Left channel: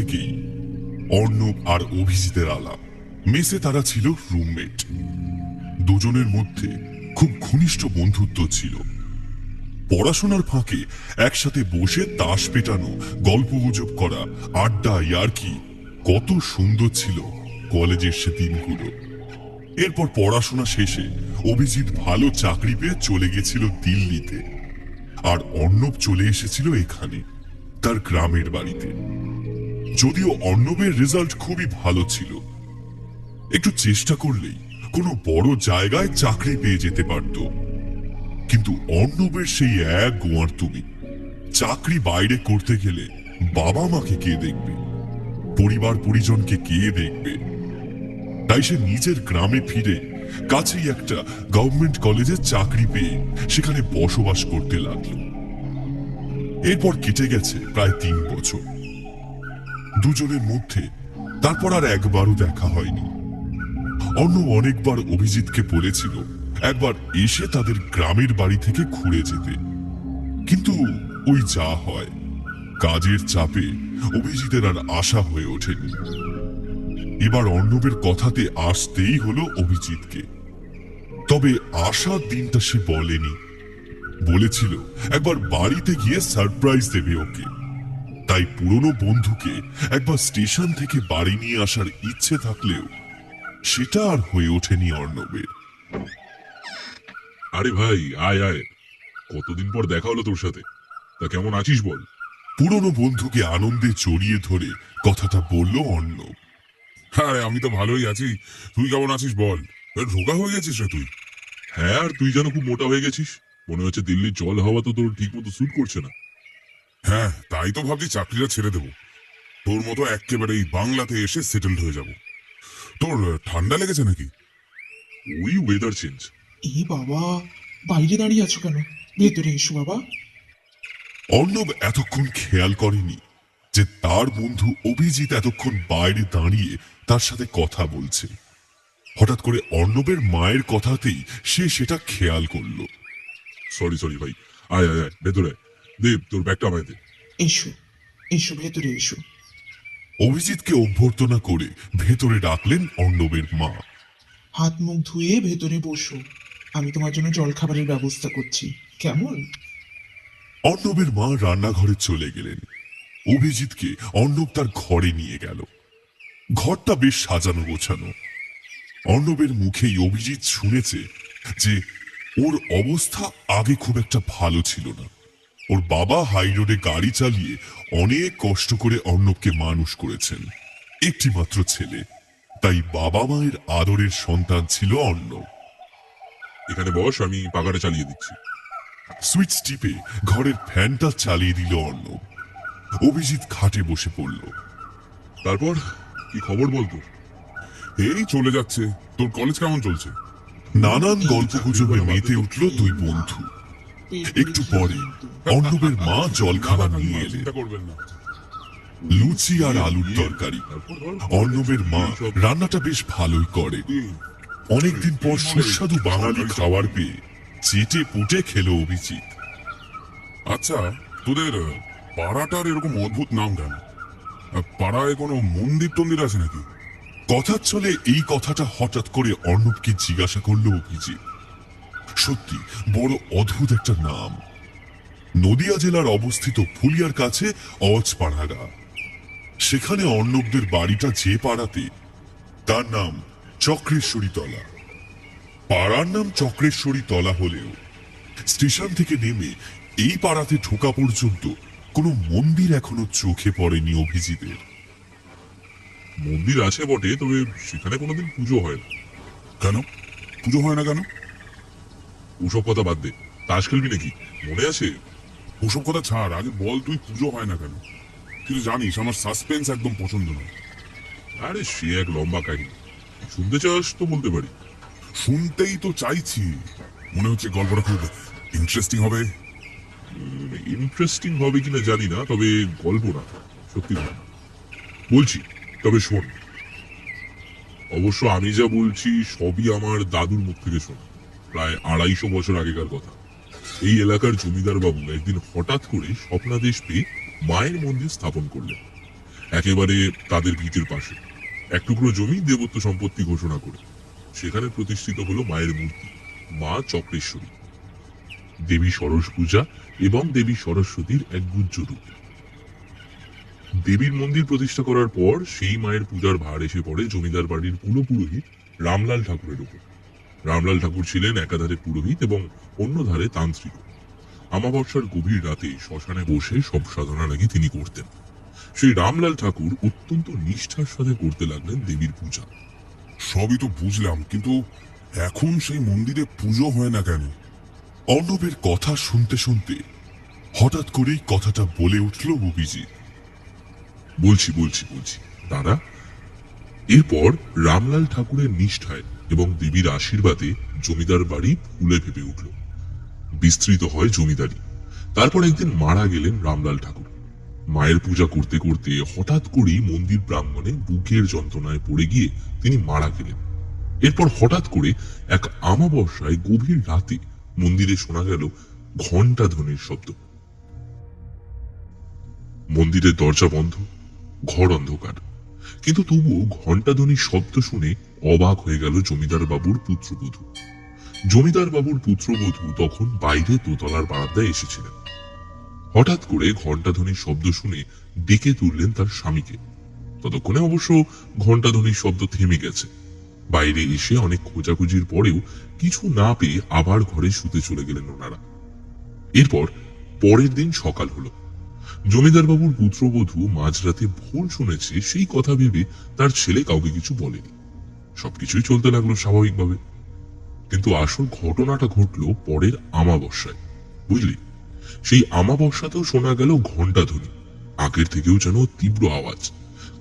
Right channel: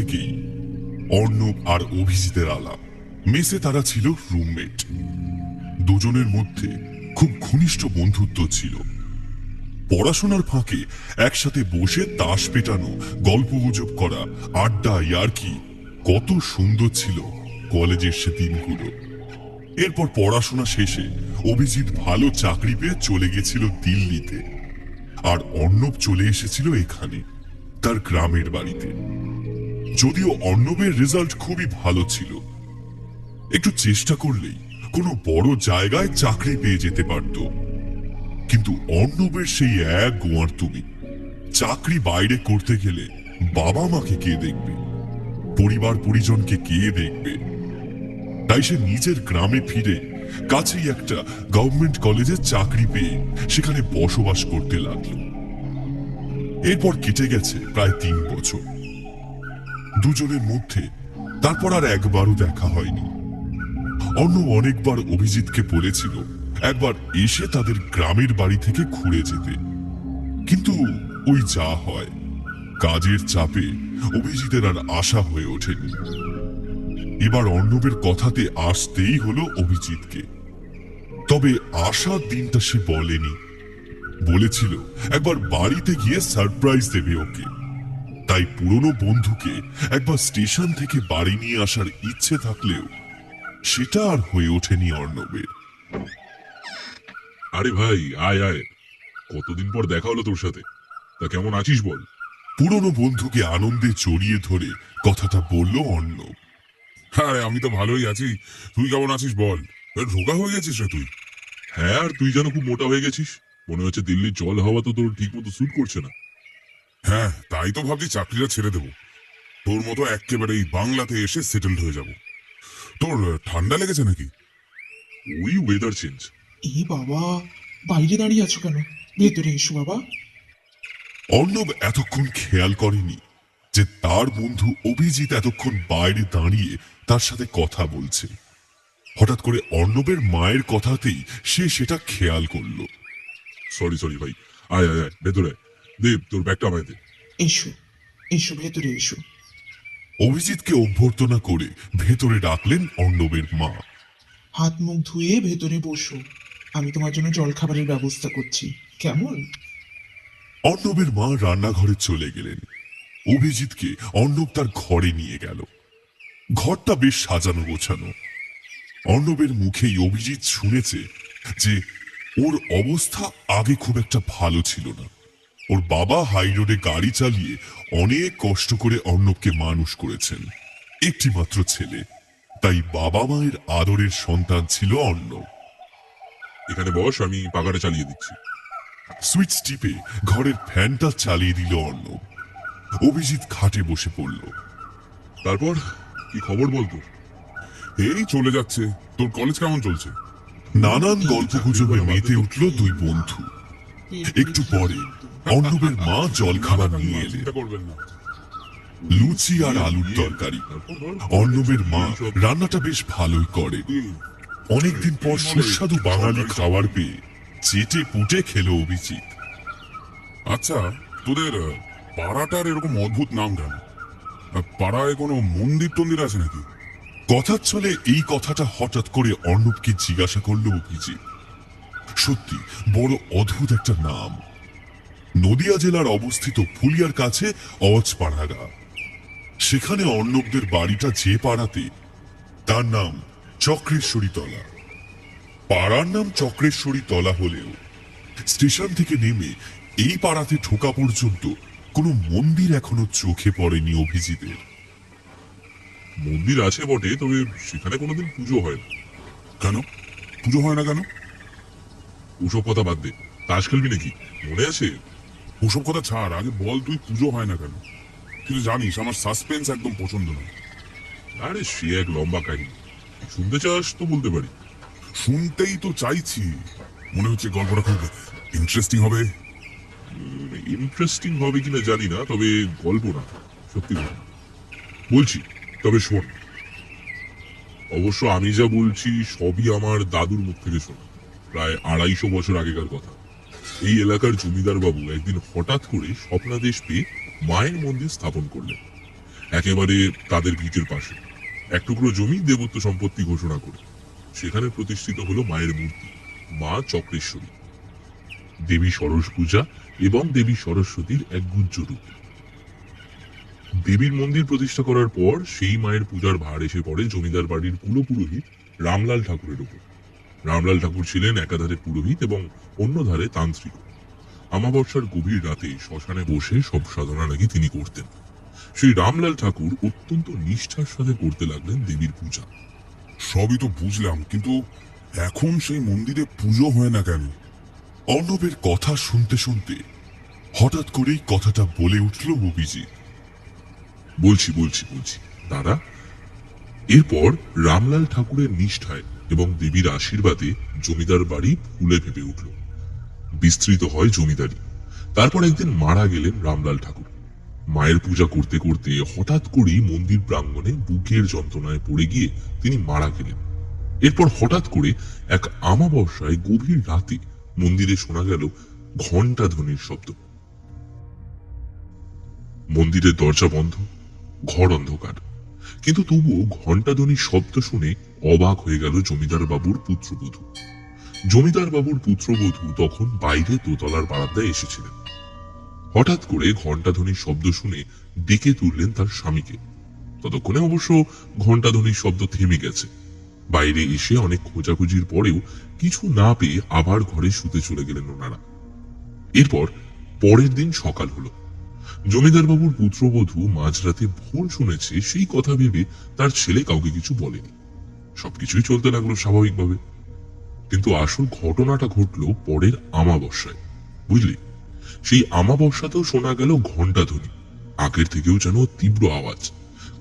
থেকেই অর্ণব আর অভিজিতের আলাপ। মেসে তারা ছিল রুমমেট। দুজনের মধ্যে খুব ঘনিষ্ঠ বন্ধুত্ব ছিল। পড়াশোনার ফাঁকে একসাথে বসে তাস পেটানো, গল্পগুজব করা, আড্ডা, ইয়ার্কি, কত সুন্দর ছিল কলেজের সে দিনগুলো। এরপর পড়াশোনা শেষে অভিজিৎ ভালো চাকরি পেয়ে চলে গেছিল দিল্লিতে, আর অর্ণব চলে এসেছিল এখানে, তার গ্রামের বাড়িতে। যদিও অর্ণবের রেজাল্ট খুবই ভালো ছিল, একটু চেষ্টা করলেই কোনো বড় জায়গায় চাকরি পেয়ে যেতে পারত। কিন্তু অর্ণবের সেই এক গোয়ার্তুমি, চাকরি বাইরে করতে গেলে বাবা মাকে কে দেখবে, পরিবার পরিজনকে কে দেখবে। তাই সে নিজের গ্রামে ফিরে কাছেই একটা গভর্নমেন্ট কলেজে চাকরি পেয়ে সেখানে বসবাস করতে লাগলো। এরপর কেটে গেছে প্রায় 3 বছর। দুজনের মধ্যে তারপর আর একবারও দেখা হয়নি। অর্ণব অনেকবার অভিজিৎকে বলেছিল একবার এসে তাদের গ্রামের বাড়ি থেকে ঘুরে যেতে, কিন্তু ওই যা হয়, কাজের চাপে অভিজিতের আর আশা হয়ে ওঠেনি। এবার অর্ণবের কথাতে আসতেই হলো অভিজিৎকে। তবে আসার দিনটা সে বলেনি, বলেছিল একবার বাড়িতে গিয়ে সারপ্রাইজ দেবে ওকে। তাই পুরনো বন্ধুকে একবার স্টেশন থেকে বাড়ি নিয়ে আসার ইচ্ছে থাকলেও সেটা আর হয়ে ওঠেনি অর্ণবের। আরে ভাই, আয় আয়, কতদিন পর দেখা হলো তোর সাথে। তা কেমন আছিস বল? পুরনো বন্ধুকে আনন্দে জড়িয়ে ধরে কথাটা বলল অর্ণব। আরে আমি তো ভালোই আছি, তুই কেমন আছিস বল? রোগা হয়ে গেছিস রে তুই। হ্যাঁ, আর তুই যেন খুব মোটা হয়ে গেছিস। মনে হচ্ছে দিল্লির জল হাওয়া তো তোর ঠিক মতো স্যুট করছে না। হ্যাঁ, তাই তো ভাবছি চাকরিটা ছেড়ে দেবো, তোর মতো একেবারে এই বাংলাতে এসে সেটেলড হয়ে যাব। তোর ঠান্ডা লেগেছে নাকি? ওই ওয়েদার চেঞ্জ। এ বাবা, বাইরে দাঁড়িয়ে আছো কেন? ভেতরে এসো বাবা। অর্ণব এতক্ষণ খেয়াল করেনি যে তার বন্ধু অভিজিৎ এতক্ষণ বাইরে দাঁড়িয়ে তার সাথে কথা বলছে। হঠাৎ করে অর্ণবের মায়ের কথাতেই সে সেটা খেয়াল করলো। সরি সরি ভাই, আয় আয় আয়, ভেতরে দেব, তোর ব্যাগটা আমায় দে। এসো এসো, ভেতরে এসো। অভিজিৎকে অভ্যর্থনা করে ভেতরে ডাকলেন অর্ণবের মা। হাত মুখ ধুয়ে ভেতরে বসো, আমি তোমার জন্য জল খাবারের ব্যবস্থা করছি, কেমন? অর্ণবের মা রান্নাঘরে চলে গেলেন। অভিজিৎকে অর্ণব তার ঘরে নিয়ে গেল। ঘরটা বেশ সাজানো গোছানো। অর্ণবের মুখেই অভিজিৎ শুনেছে যে ওর অবস্থা আগে খুব একটা ভালো ছিল না। ওর বাবা হাই রোডে গাড়ি চালিয়ে অনেক কষ্ট করে অর্ণবকে মানুষ করেছেন। একটি মাত্র ছেলে, তাই বাবা মায়ের আদরের সন্তান ছিল অর্ণব। এখানে বস, আমি পাখাটা চালিয়ে দিচ্ছি। সুইচ টিপে ঘরের ফ্যানটা চালিয়ে দিল অর্ণব। অভিজিৎ খাটে বসে পড়ল। তারপর কি খবর বল তোর? এই চলে যাচ্ছে। তোর কলেজ কেমন চলছে? নানান গল্পগুজবে মেতে উঠল দুই বন্ধু। একটু পরে অর্ণবের মা জলখাবার নিয়ে এলেন। চিন্তা করবেন না। লুচি আর আলুর তরকারি। অর্ণবের মা রান্নাটা বেশ ভালোই করে। অনেকদিন পর সুস্বাদু বাঙালি খাবার পেয়ে চেটে পুটে খেলো অভিজিৎ। আচ্ছা, তোদের পাড়াটার এরকম অদ্ভুত নাম কেন? পাড়ায় কোনো মন্দির টন্দির আছে নাকি? কথার ছলে এই কথাটা হঠাৎ করে অর্ণবকে জিজ্ঞাসা করলো অভিজিৎ। সত্যি বড় অদ্ভুত একটা নাম। নদিয়া জেলার অবস্থিত ফুলিয়ার কাছে অজপাড়াগা। সেখানে অর্ণবদের বাড়িটা যে পাড়াতে, তার নাম চক্রেশ্বরী তলা। পাড়ার নাম চক্রেশ্বরী তলা হলেও স্টেশন থেকে নেমে এই পাড়াতে ঢোকা পর্যন্ত কোনো মন্দির এখনো চোখে পড়েনি অভিজিতের। মন্দির আছে বটে, তবে সেখানে কোনোদিন পুজো হয় না। কেন পুজো হয় না কেন? ওসব কথা বাদ দে, তাস খেলবি নাকি? মনে আছে? ওসব কথা ছাড়, আগে বল তুই পুজো হয় না কেন? তুই তো জানিস আমার সাসপেন্স একদম পছন্দ নয়। আরে সে এক লম্বা কাহিনী, শুনতে চাস তো বলতে পারি। শুনতেই তো চাইছি, মনে হচ্ছে গল্পটা খুব ইন্টারেস্টিং হবে। ইন্টারেস্টিং হবে কিনা জানি না, তবে গল্প না, সত্যি ঘটনা বলছি। তবে শোন, অবশ্য আমি যা বলছি সবই আমার দাদুর মুখ থেকে শোনা, প্রায় 250 বছর আগেকার কথা। এই এলাকার জমিদার বাবু একদিন হঠাৎ করে স্বপ্নাদেশ পেয়ে মায়ের মন্দির স্থাপন করলেন। একেবারে তাদের ভিটের পাশে এক টুকরো জমি দেবত্ব সম্পত্তি ঘোষণা করে সেখানে প্রতিষ্ঠিত হলো মায়ের মূর্তি, মা চক্রেশ্বরী। দেবী সরস পূজা এবং দেবী সরস্বতীর এক গুজ্জ রূপ। দেবীর মন্দির প্রতিষ্ঠা করার পর সেই মায়ের পূজার ভার এসে পড়ে জমিদার বাড়ির কুলপুরোহিত রামলাল ঠাকুরের উপর। রামলাল ঠাকুর ছিলেন একাধারে পুরোহিত এবং অন্য ধারে তান্ত্রিক। আমাবস্যার গভীর রাতে শ্মশানে বসে সব সাধনা নাকি তিনি করতেন। সেই রামলাল ঠাকুর অত্যন্ত নিষ্ঠার সাথে করতে লাগলেন দেবীর পূজা। সবই তো বুঝলাম, কিন্তু এখন সেই মন্দিরে পুজো হয় না কেন? অর্ণবের কথা শুনতে শুনতে হঠাৎ করেই কথাটা বলে উঠল অভিজিৎ। বলছি দাদা। এরপর রামলাল ঠাকুরের নিষ্ঠায় এবং দেবীর আশীর্বাদে জমিদার বাড়ি ফুলে ফেপে উঠল, বিস্তৃত হয় জমিদারি। তারপর একদিন মারা গেলেন রামলাল ঠাকুর। মায়ের পূজা করতে করতে হঠাৎ করেই মন্দির প্রাঙ্গণে বুকের যন্ত্রণায় পড়ে গিয়ে তিনি মারা গেলেন। এরপর হঠাৎ করে এক আমাবস্যায় গভীর রাতে মন্দিরে শোনা গেল ঘণ্টা ধ্বনির শব্দ। মন্দিরের দরজা বন্ধ, ঘর অন্ধকার, কিন্তু তবুও ঘণ্টা ধ্বনির শব্দ শুনে অবাক হয়ে গেল জমিদার বাবুর পুত্রবধূ। জমিদার বাবুর পুত্রবধূ তখন বাইরে দোতলার বারান্দায় এসেছিলেন। হঠাৎ করে ঘণ্টা ধ্বনির শব্দ শুনে ডেকে তুললেন তার স্বামীকে। ততক্ষণে অবশ্য ঘণ্টা ধ্বনির শব্দ থেমে গেছে। বাইরে এসে অনেক খোঁজাখুঁজির পরেও কিছু না পেয়ে আবার ঘরে শুতে চলে গেলেন ওনারা। এরপর পরের দিন সকাল হলো। জমিদার বাবুর পুত্রবধূ মাঝরাতে ভুল শুনেছে সেই কথা ভেবে তার ছেলে কাউকে কিছু বলেনি। সবকিছুই চলতে লাগলো স্বাভাবিকভাবে। কিন্তু আসল ঘটনাটা ঘটলো পরের আমাবস্যায়, বুঝলি? সেই আমাবস্যাতেও শোনা গেল ঘণ্টা ধ্বনি, আগের থেকেও যেন তীব্র আওয়াজ।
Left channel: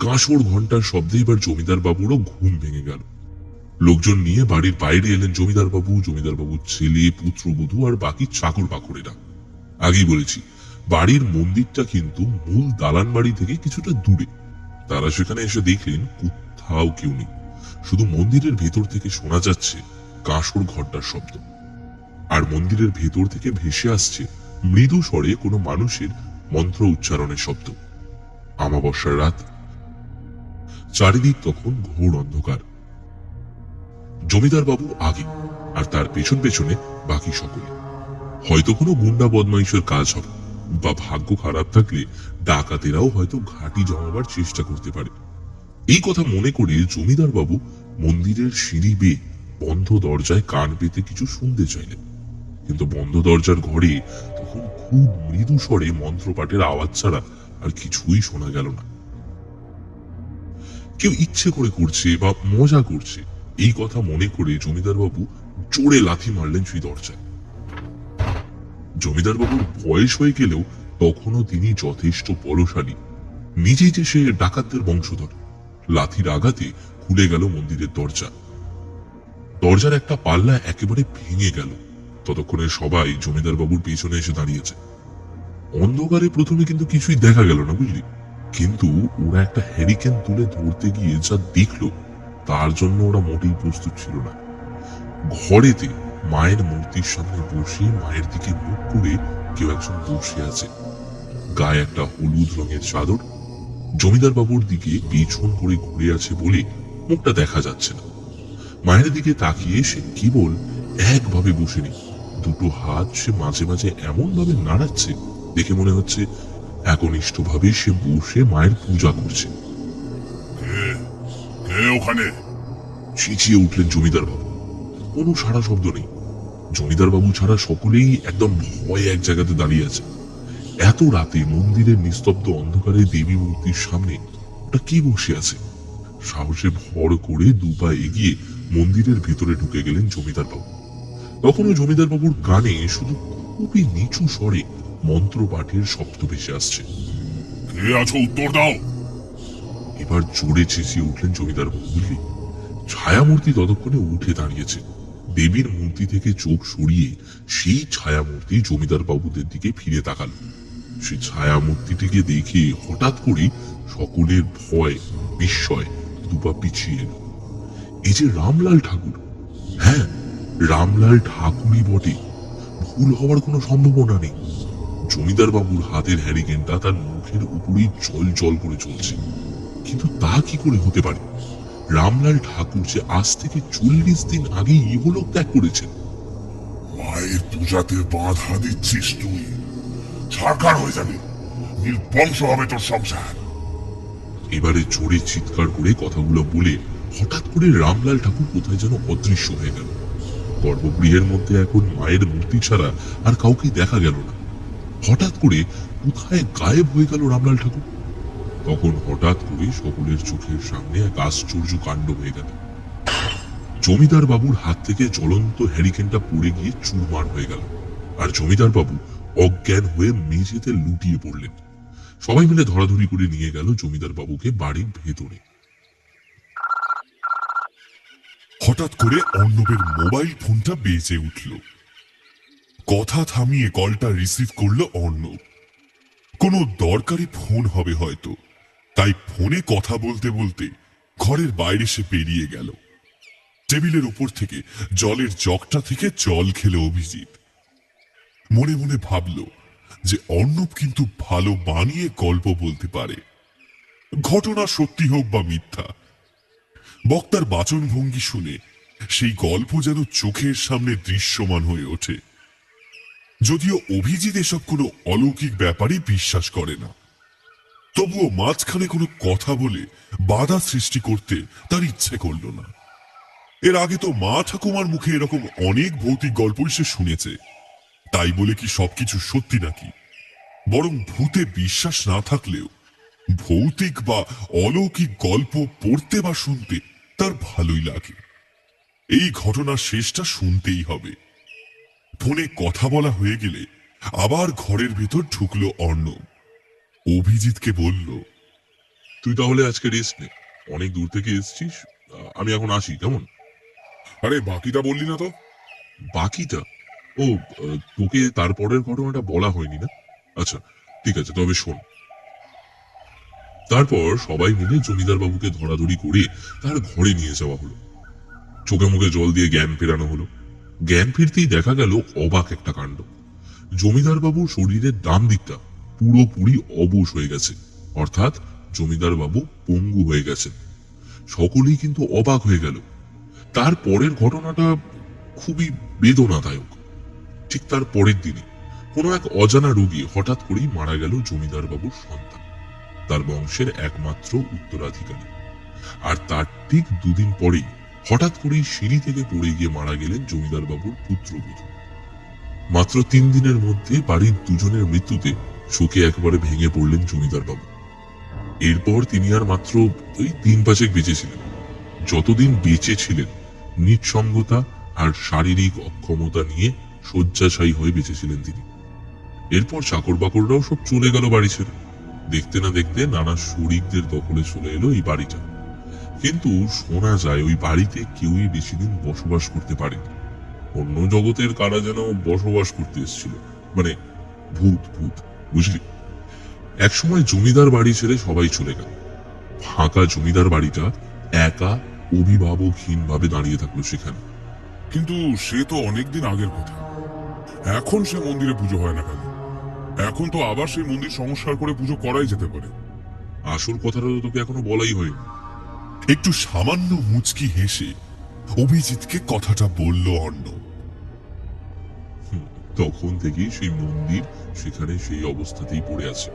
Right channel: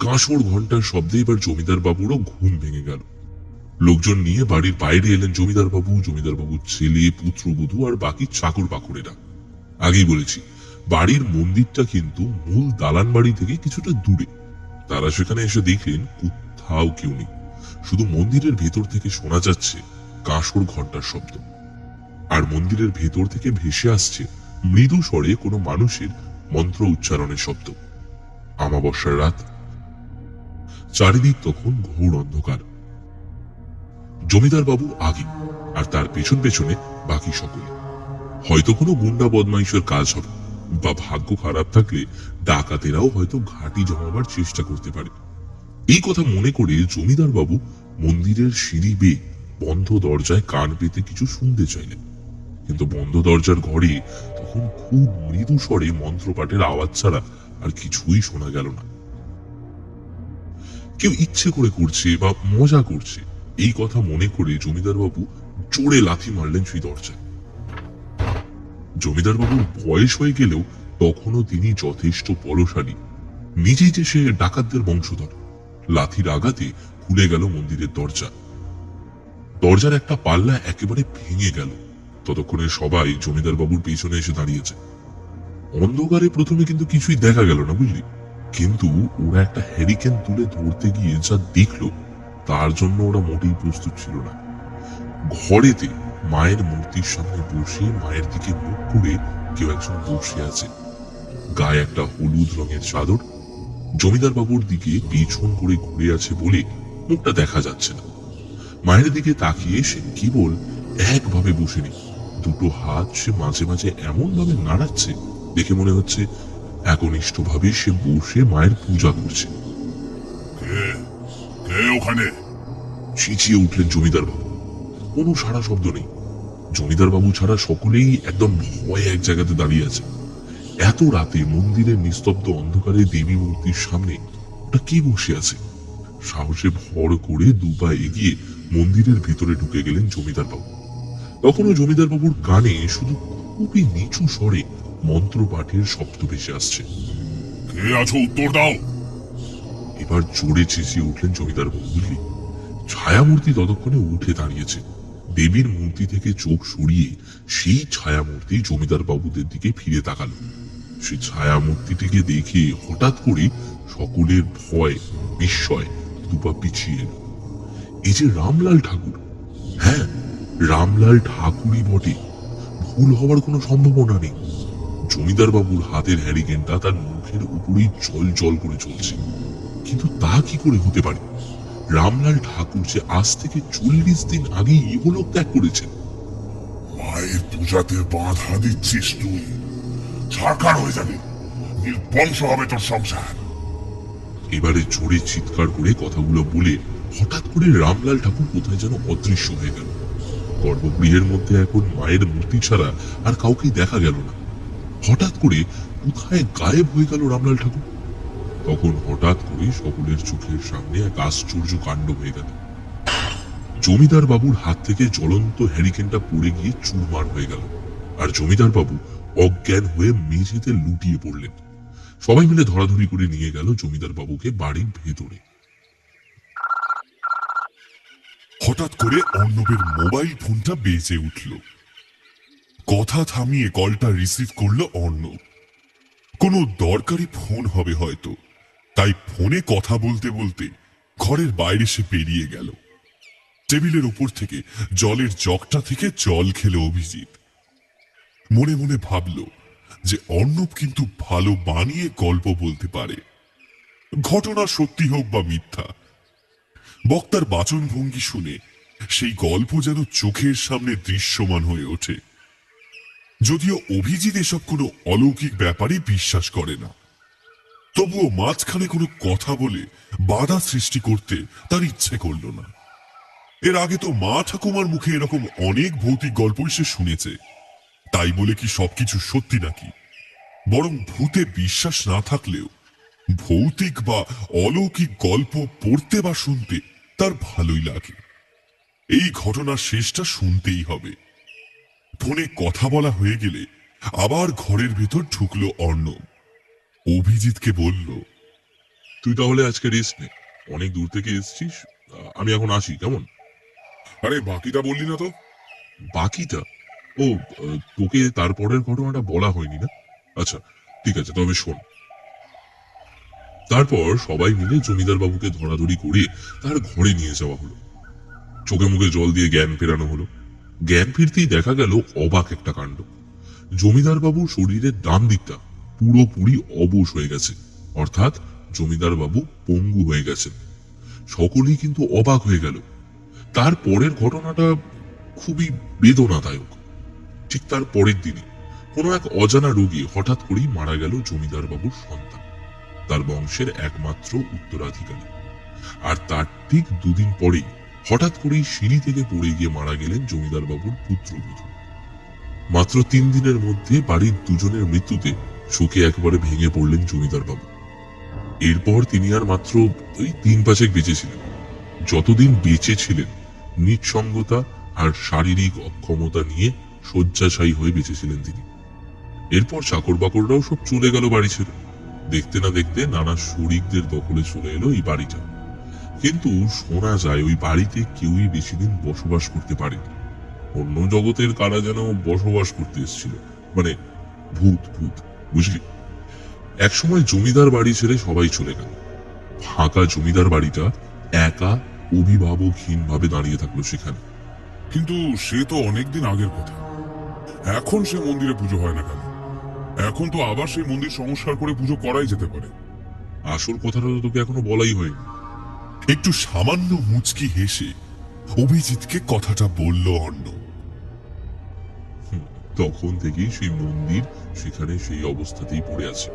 কাঁসর ঘণ্টার শব্দে এবার জমিদার বাবুরও ঘুম ভেঙে গেল। লোকজন নিয়ে বাড়ির বাইরে এলেন জমিদার বাবুর ছেলে, পুত্রবধূ আর বাকি চাকর বাকরেরা। আগেই বলেছি, বাড়ির মন্দিরটা কিন্তু মূল দালান বাড়ি থেকে কিছুটা দূরে। তারা সেখানে এসে দেখলেন কোথাও কেউ নেই, শুধু মন্দিরের ভেতর থেকে শোনা যাচ্ছে কাঁসর ঘণ্টার শব্দ। আর মন্দিরের ভেতর থেকে ভেসে আসছে মৃদু স্বরে কোনো মানুষের মন্ত্র উচ্চারণের শব্দ। আমাবস্যার রাত, চারিদিক তখন ঘোর অন্ধকার। জমিদার বাবু আগে, আর তার পেছন পেছনে বাকি সকলে। হয়তো কোনো গুন্ডা বদমাইশের কাজ হবে, বা ভাগ্য খারাপ থাকলে ডাকাতেরাও হয়তো ঘাঁটি জমাবার চেষ্টা করতে পারে। এই কথা মনে করে জমিদার বাবু মন্দিরের সিঁড়ি বেয়ে বন্ধ দরজায় কান পেতে কিছু শুনতে চাইলেন। কিন্তু বন্ধ দরজার ঘরে তখন খুব মৃদু স্বরে মন্ত্রপাঠের আওয়াজ ছাড়া আর কিছুই শোনা গেল না। কেউ ইচ্ছে করে করছে বা মজা করছে, এই কথা মনে করে জমিদার বাবু জোরে লাথি মারলেন সেই দরজায়। জমিদার বাবুর বয়স হয়ে গেলেও তখনও তিনি যথেষ্ট বলশালী। নিজেই যে সে ডাকাতদের বংশধর। লাথির আঘাতে খুলে গেল মন্দিরের দরজা। দরজার একটা পাল্লা একেবারে ভেঙে গেল। ততক্ষণে সবাই জমিদার বাবুর পেছনে এসে দাঁড়িয়েছে। অন্ধকারে প্রথমে কিন্তু কিছুই দেখা গেল না, বুঝলি? কিন্তু ওরা একটা হ্যারিকেন তুলে ধরতে গিয়ে যা দেখলো তার জন্য ওরা মোটেই প্রস্তুত ছিল না। ঘরেতে মায়ের মূর্তির সামনে বসে মায়ের দিকে মুখ করে কেউ একজন বসে আছে। গায়ে একটা হলুদ রঙের চাদর। জমিদার বাবুর দিকে পেছন করে ঘুরে আছে বলে মুখটা দেখা যাচ্ছে না। মায়ের দিকে তাকিয়ে সে কেবল একভাবে বসে নেই, দুটো হাত সে মাঝে মাঝে এমন ভাবে নাড়াচ্ছে দেখে মনে হচ্ছে একনিষ্ঠ ভাবে সে বসে মায়ের পূজা করছে। ওখানে চেঁচিয়ে উঠলেন জমিদার বাবু। কোনো সাড়া শব্দ নেই। জমিদার বাবু ছাড়া সকলেই একদম ভয়ে এক জায়গাতে দাঁড়িয়ে আছে। এত রাতে মন্দিরের নিস্তব্ধ অন্ধকারে দেবী মূর্তির সামনে ওটা কে বসে আছে? সাহসে ভর করে দুপা এগিয়ে মন্দিরের ভিতরে ঢুকে গেলেন জমিদার বাবু। তখনও জমিদার বাবুর কানে শুধু খুবই নিচু স্বরে মন্ত্র পাঠের শব্দ ভেসে আসছে। কে আছো, উত্তর দাও। এবার জোরে চেঁচিয়ে উঠলেন জমিদার বাবু। বুঝলি, ছায়ামূর্তি ততক্ষণে উঠে দাঁড়িয়েছে। দেবীর মূর্তি থেকে চোখ সরিয়ে সেই ছায়ামূর্তি জমিদার বাবুদের দিকে ফিরে তাকাল। সেই ছায়ামূর্তিটিকে দেখে হঠাৎ করে সকলের ভয় বিস্ময় দুপা পিছিয়ে এলো। এই যে রামলাল ঠাকুর! হ্যাঁ, রামলাল ঠাকুরই বটে, ভুল হওয়ার কোনো সম্ভাবনা নেই। জমিদার বাবুর হাতের হ্যারিকেনটা তার মুখের উপরেই জল জল করে চলছে। কিন্তু তা কি করে হতে পারে? রামলাল ঠাকুর যে আজ থেকে 40 দিন আগে ইহলোক ত্যাগ করেছেন। মায়ের পূজাতে বাধা দিচ্ছিস তুই, ছাড়খাড় হয়ে যাবে, নির্বংশ হবে তোর সংসার। এবারে জোরে চিৎকার করে কথাগুলো বলে হঠাৎ করে রামলাল ঠাকুর কোথায় যেন অদৃশ্য হয়ে গেল। গর্ভগৃহের মধ্যে এখন মায়ের মূর্তি ছাড়া আর কাউকে দেখা গেল না। হঠাৎ করে কোথায় গায়েব হয়ে গেল রামলাল ঠাকুর। তখন হঠাৎ করে সকলের চোখের সামনে এক আশ্চর্য কাণ্ড হয়ে গেল। জমিদার বাবুর হাত থেকে জ্বলন্ত হ্যারিকেনটা পড়ে গিয়ে চুরমার হয়ে গেল, আর জমিদার বাবু অজ্ঞান হয়ে মেঝেতে লুটিয়ে পড়লেন। সবাই মিলে ধরাধরি করে নিয়ে গেল জমিদার বাবুকে বাড়ির ভেতরে। হঠাৎ করে অর্ণবের মোবাইল ফোনটা বেজে উঠল। কথা থামিয়ে কলটা রিসিভ করলো অর্ণব। কোনো দরকারি ফোন হবে হয়তো, তাই ফোনে কথা বলতে বলতে ঘরের বাইরে সে বেরিয়ে গেল। টেবিলের উপর থেকে জলের জগটা থেকে জল খেলো অভিজিৎ। মনে মনে ভাবল যে অর্ণব কিন্তু ভালো বানিয়ে গল্প বলতে পারে, ঘটনা সত্যি হোক বা মিথ্যা। বক্তার বাচনভঙ্গি শুনে সেই গল্প যেন চোখের সামনে দৃশ্যমান হয়ে ওঠে। যদিও অভিজিৎ এসব কোনো অলৌকিক ব্যাপারই বিশ্বাস করে না, তবুও মাঝখানে কোনো কথা বলে বাধা সৃষ্টি করতে তার ইচ্ছে করল না। এর আগে তো মা ঠাকুমার মুখে এরকম অনেক ভৌতিক গল্পই সে শুনেছে, তাই বলে কি সবকিছু সত্যি নাকি? বরং ভূতে বিশ্বাস না থাকলেও ভৌতিক বা অলৌকিক গল্প পড়তে বা শুনতে তার ভালোই লাগে। এই ঘটনার শেষটা শুনতেই হবে। ফোনে কথা বলা হয়ে গেলে আবার ঘরের ভিতর ঢুকলো অর্ণব। অভিজিৎকে বলল, তুই তাহলে আজকে রেস্ট নে, অনেক দূর থেকে এসেছিস। আমি এখন আসি, কেমন? আরে বাকিটা বললি না তো? বাকিটা? ও, তোকে তারপরের ঘটনাটা বলা হয়নি না? আচ্ছা ঠিক আছে, তবে শোন। তারপর সবাই মিলে জমিদার বাবুকে ধরাধরি করে তার ঘরে নিয়ে যাওয়া হলো। চোখে মুখে জল দিয়ে জ্ঞান ফেরানো হলো। জ্ঞান ফিরতেই দেখা গেল অবাক একটা কাণ্ড। জমিদার বাবুর শরীরের ডান দিকটা পুরোপুরি অবশ হয়ে গেছে, অর্থাৎ জমিদার বাবু পঙ্গু হয়ে গেছেন। সকলেই কিন্তু অবাক হয়ে গেল। তার পরের ঘটনাটা খুবই বেদনাদায়ক। ঠিক তার পরের দিনে কোনো এক অজানা রোগে হঠাৎ করেই মারা গেল জমিদার বাবুর সন্তান, তার বংশের একমাত্র উত্তরাধিকারী। আর তার ঠিক দুদিন পরেই হঠাৎ করেই সিঁড়ি থেকে পড়ে গিয়ে মারা গেলেন জমিদার বাবুর পুত্রবধূ। মাত্র 3 দিনের মধ্যে বাড়ির দুজনের মৃত্যুতে শোকে একেবারে ভেঙে পড়লেন জমিদার বাবু। এরপর তিনি আর মাত্র 3-5 বেঁচেছিলেন। যতদিন বেঁচে ছিলেন নিঃসঙ্গতা আর শারীরিক অক্ষমতা নিয়ে শয্যাশায়ী হয়ে বেঁচেছিলেন তিনি। এরপর চাকর বাকররাও সব চলে গেল বাড়ি ছেড়ে। দেখতে না দেখতে নানা শরিকদের দখলে চলে এলো এই বাড়িটা। কিন্তু শোনা যায় ওই বাড়িতে কেউই বেশি দিন বসবাস করতে পারেনি। অন্য জগতের কারা যেন বসবাস করতে এসেছিল, মানে ভূত ভূত, বুঝলি? একসময় জমিদার বাড়ি ছেড়ে সবাই চলে গেল। ফাঁকা জমিদার বাড়িটা একা অভিভাবকহীন ভাবে দাঁড়িয়ে থাকলো সেখানে। কিন্তু সে তো অনেকদিন আগের কথা। এখন সে মন্দিরে পুজো হয় না কেন? এখন তো আবার সেই মন্দির সংস্কার করে পুজো করাই যেতে পারে। আসল কথাটা তো তোকে এখনো বলাই হয়নি। একটু সামান্য মুচকি হেসে অভিজিৎকে কথাটা বলল অর্ণব। তখন থেকেই সেই মন্দির সেখানে সেই অবস্থাতেই পড়ে আছে।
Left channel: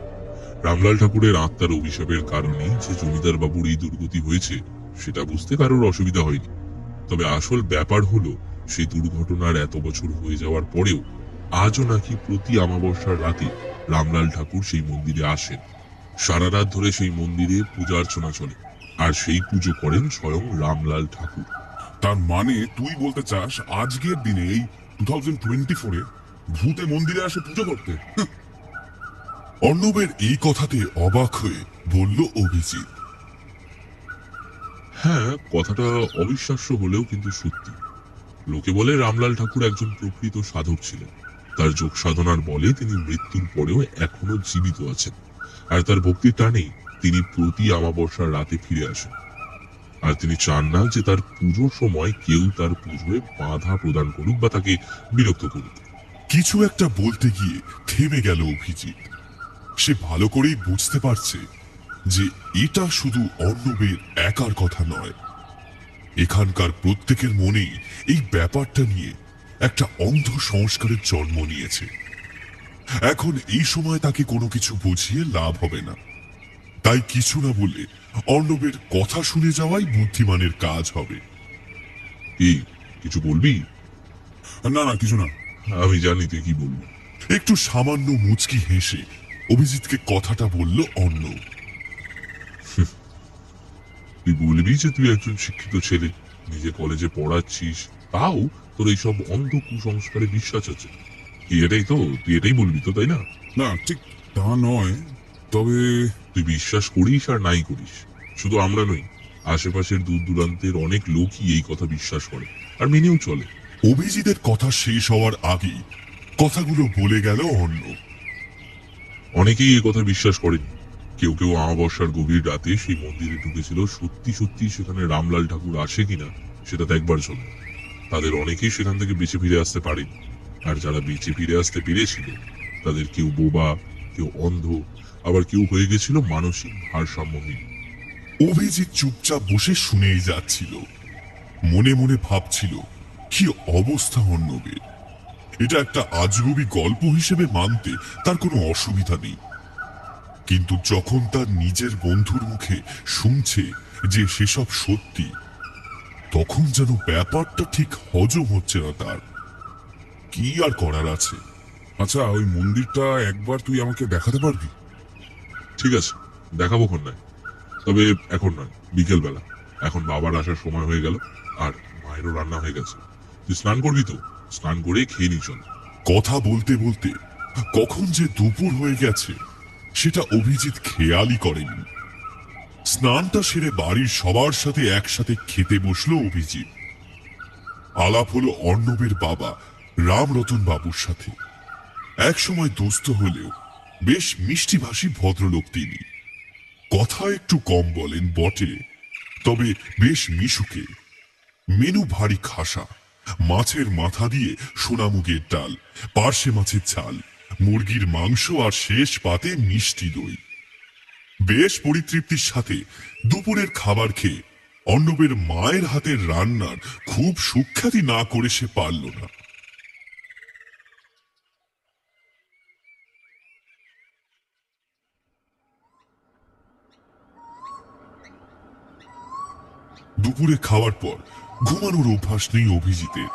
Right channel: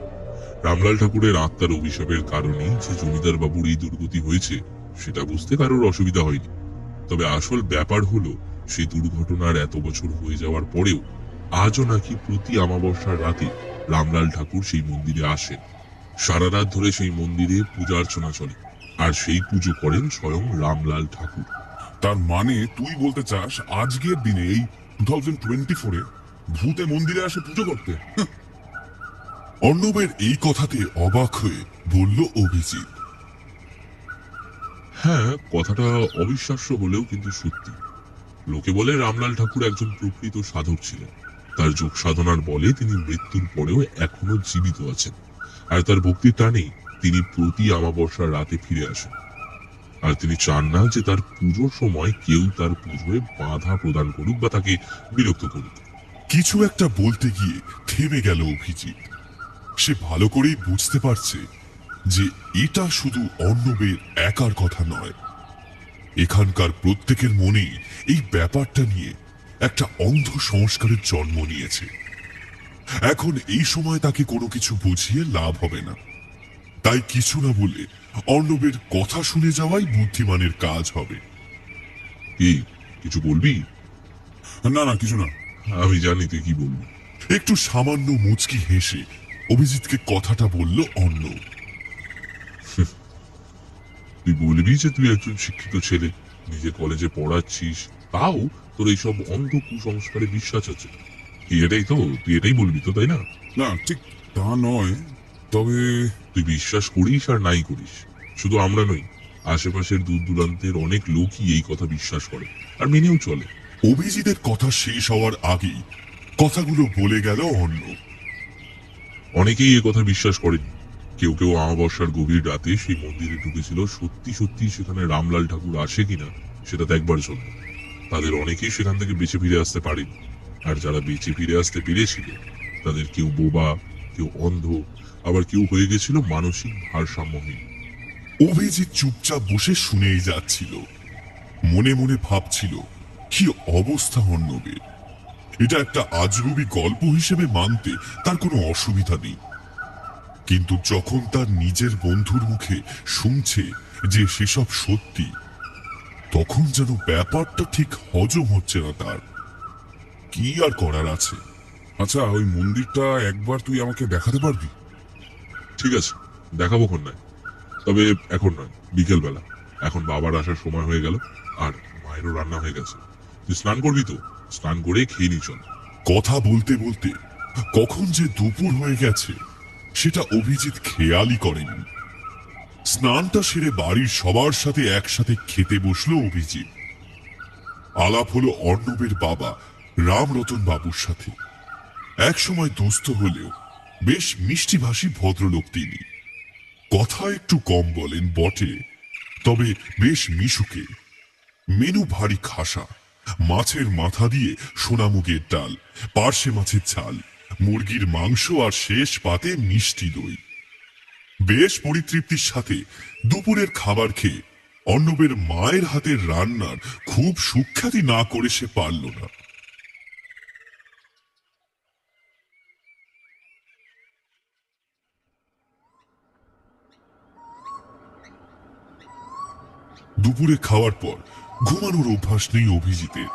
রামলাল ঠাকুরের আত্মার অভিশাপের কারণেই যে জমিদার বাবুর এই দুর্গতি হয়েছে সেটা বুঝতে কারোর অসুবিধা হয়নি। তবে আসল ব্যাপার হলো, সেই দুর্ঘটনার এত বছর হয়ে যাওয়ার পরেও আজও নাকি প্রতি অমাবস্যার রাতে রামলাল ঠাকুর সেই মন্দিরে আসেন। সারা রাত ধরে সেই মন্দিরে পূজা অর্চনা চলে, আর সেই পুজো করেন স্বয়ং রামলাল ঠাকুর। তার মানে তুই বলতে চাস আজকের দিনে এই 2024-এ ভূতে মন্দিরে আসে পুজো করতে? অর্ণবের এই কথাতে অবাক হয়ে বলল অভিজিৎ। হ্যাঁ, কথাটা অবিশ্বাস্য হলেও কিন্তু সত্যি। লোকে বলে রামলাল ঠাকুর একজন প্রকৃত সাধক ছিলেন। তার যোগ সাধনার বলে তিনি মৃত্যুর পরেও এখনো জীবিত আছেন, আর তার ভক্তির টানেই তিনি প্রতি অমাবস্যার রাতে ফিরে আসেন। আর তিনি চান না যে তার পুজোর সময় কেউ তার পুজোয় বাধা প্রদান করুক বা তাকে বিরক্ত করুক। কিছু একটা বলতে গিয়ে থেমে গেল অভিজিৎ। সে ভালো করেই বুঝতে পারছে যে এটা শুধু অর্ণবের একার কথা নয়, এখানকার প্রত্যেকের মনেই এই ব্যাপারটা নিয়ে একটা অন্ধ সংস্কারের জন্ম নিয়েছে। এখন এই সময় তাকে কোনো কিছু বুঝিয়ে লাভ হবে না, তাই কিছু না বলে অর্ণবের কথা শুনে যাওয়াই বুদ্ধিমানের কাজ হবে। কি কিছু বলবি? না না, কিছু না। আমি জানি তুই কি বলবি। একটু সামান্য মুচকি হেসে অভিজিৎকে কথাটা বলল অর্ণব। তুই বলবি যে তুই একজন শিক্ষিত ছেলে, নিজে কলেজে পড়াচ্ছিস, তাও তোর এইসব অন্ধ কুসংস্কারে বিশ্বাস আছে। কি এটাই তো, তুই এটাই বলবি তো, তাই না? না, ঠিক তা নয়, তবে তুই বিশ্বাস করিস আর নাই করিস, শুধু আমরা নই, আশেপাশের দূর দূরান্তের অনেক লোকই এই কথা বিশ্বাস করে আর মেনেও চলে। অভিজিতের কথা শেষ হওয়ার আগেই কথাগুলো বলে গেল অর্ণব। অনেকেই এ কথা বিশ্বাস করেনি। কেউ কেউ অমাবস্যার গভীর রাতে সেই মন্দিরে ঢুকেছিল, সত্যি সত্যি সেখানে রামলাল ঠাকুর আসে কিনা সেটা দেখবার জন্য। তাদের অনেকেই সেখান থেকে বেঁচে ফিরে আসতে পারেনি, আর যারা বেঁচে ফিরে আসতে পেরেছিল তাদের কেউ বোবা, কেউ অন্ধ, আবার কেউ হয়ে গেছিল মানসিক ভারসাম্যহীন। অভিজিৎ চুপচাপ বসে শুনেই যাচ্ছিল, মনে মনে ভাবছিল কি অবস্থা অর্ণবের। এটা একটা আজগুবি গল্প হিসেবে মানতে তার কোনো অসুবিধা নেই, কিন্তু যখন তার নিজের বন্ধুর মুখে শুনছে যে সেসব সত্যি, তখন যেন ব্যাপারটা ঠিক হজম হচ্ছে না তার। কি আর করার আছে? আচ্ছা, ওই মন্দিরটা একবার তুই আমাকে দেখাতে পারবি? ঠিক আছে, দেখাবো কোন নয়, তবে এখন নয়, বিকেল বেলা। এখন বাবার আসার সময় হয়ে গেল, আর মায়েরও রান্না হয়ে গেছে। তুই স্নান করবি তো? স্নান করে খেয়ে নি চল। কথা বলতে বলতে কখন যে দুপুর হয়ে গেছে সেটা অভিজিৎ খেয়ালই করেনি। স্নানটা সেরে বাড়ির সবার সাথে একসাথে খেতে বসলো অভিজিৎ। আলাপ হলো অর্ণবের বাবা রামরতন বাবুর সাথে। একসময় দোস্ত হলেও বেশ মিষ্টিভাষী ভদ্রলোক তিনি। কথা একটু কম বলেন বটে, তবে বেশ মিশুকে। মেনু ভারী খাসা, মাছের মাথা দিয়ে সোনামুগের ডাল, পার্শে মাছের ঝাল, মুরগির মাংস আর শেষ পাতে মিষ্টি দই। বেশ পরিতৃপ্তির সাথে দুপুরের খাবার খেয়ে অর্ণবের মায়ের হাতের রান্নার খুব সুখ্যাতি না করে সে পারল না। দুপুরে খাওয়ার পর ঘুমানোর অভ্যাস নেই অভিজিতের,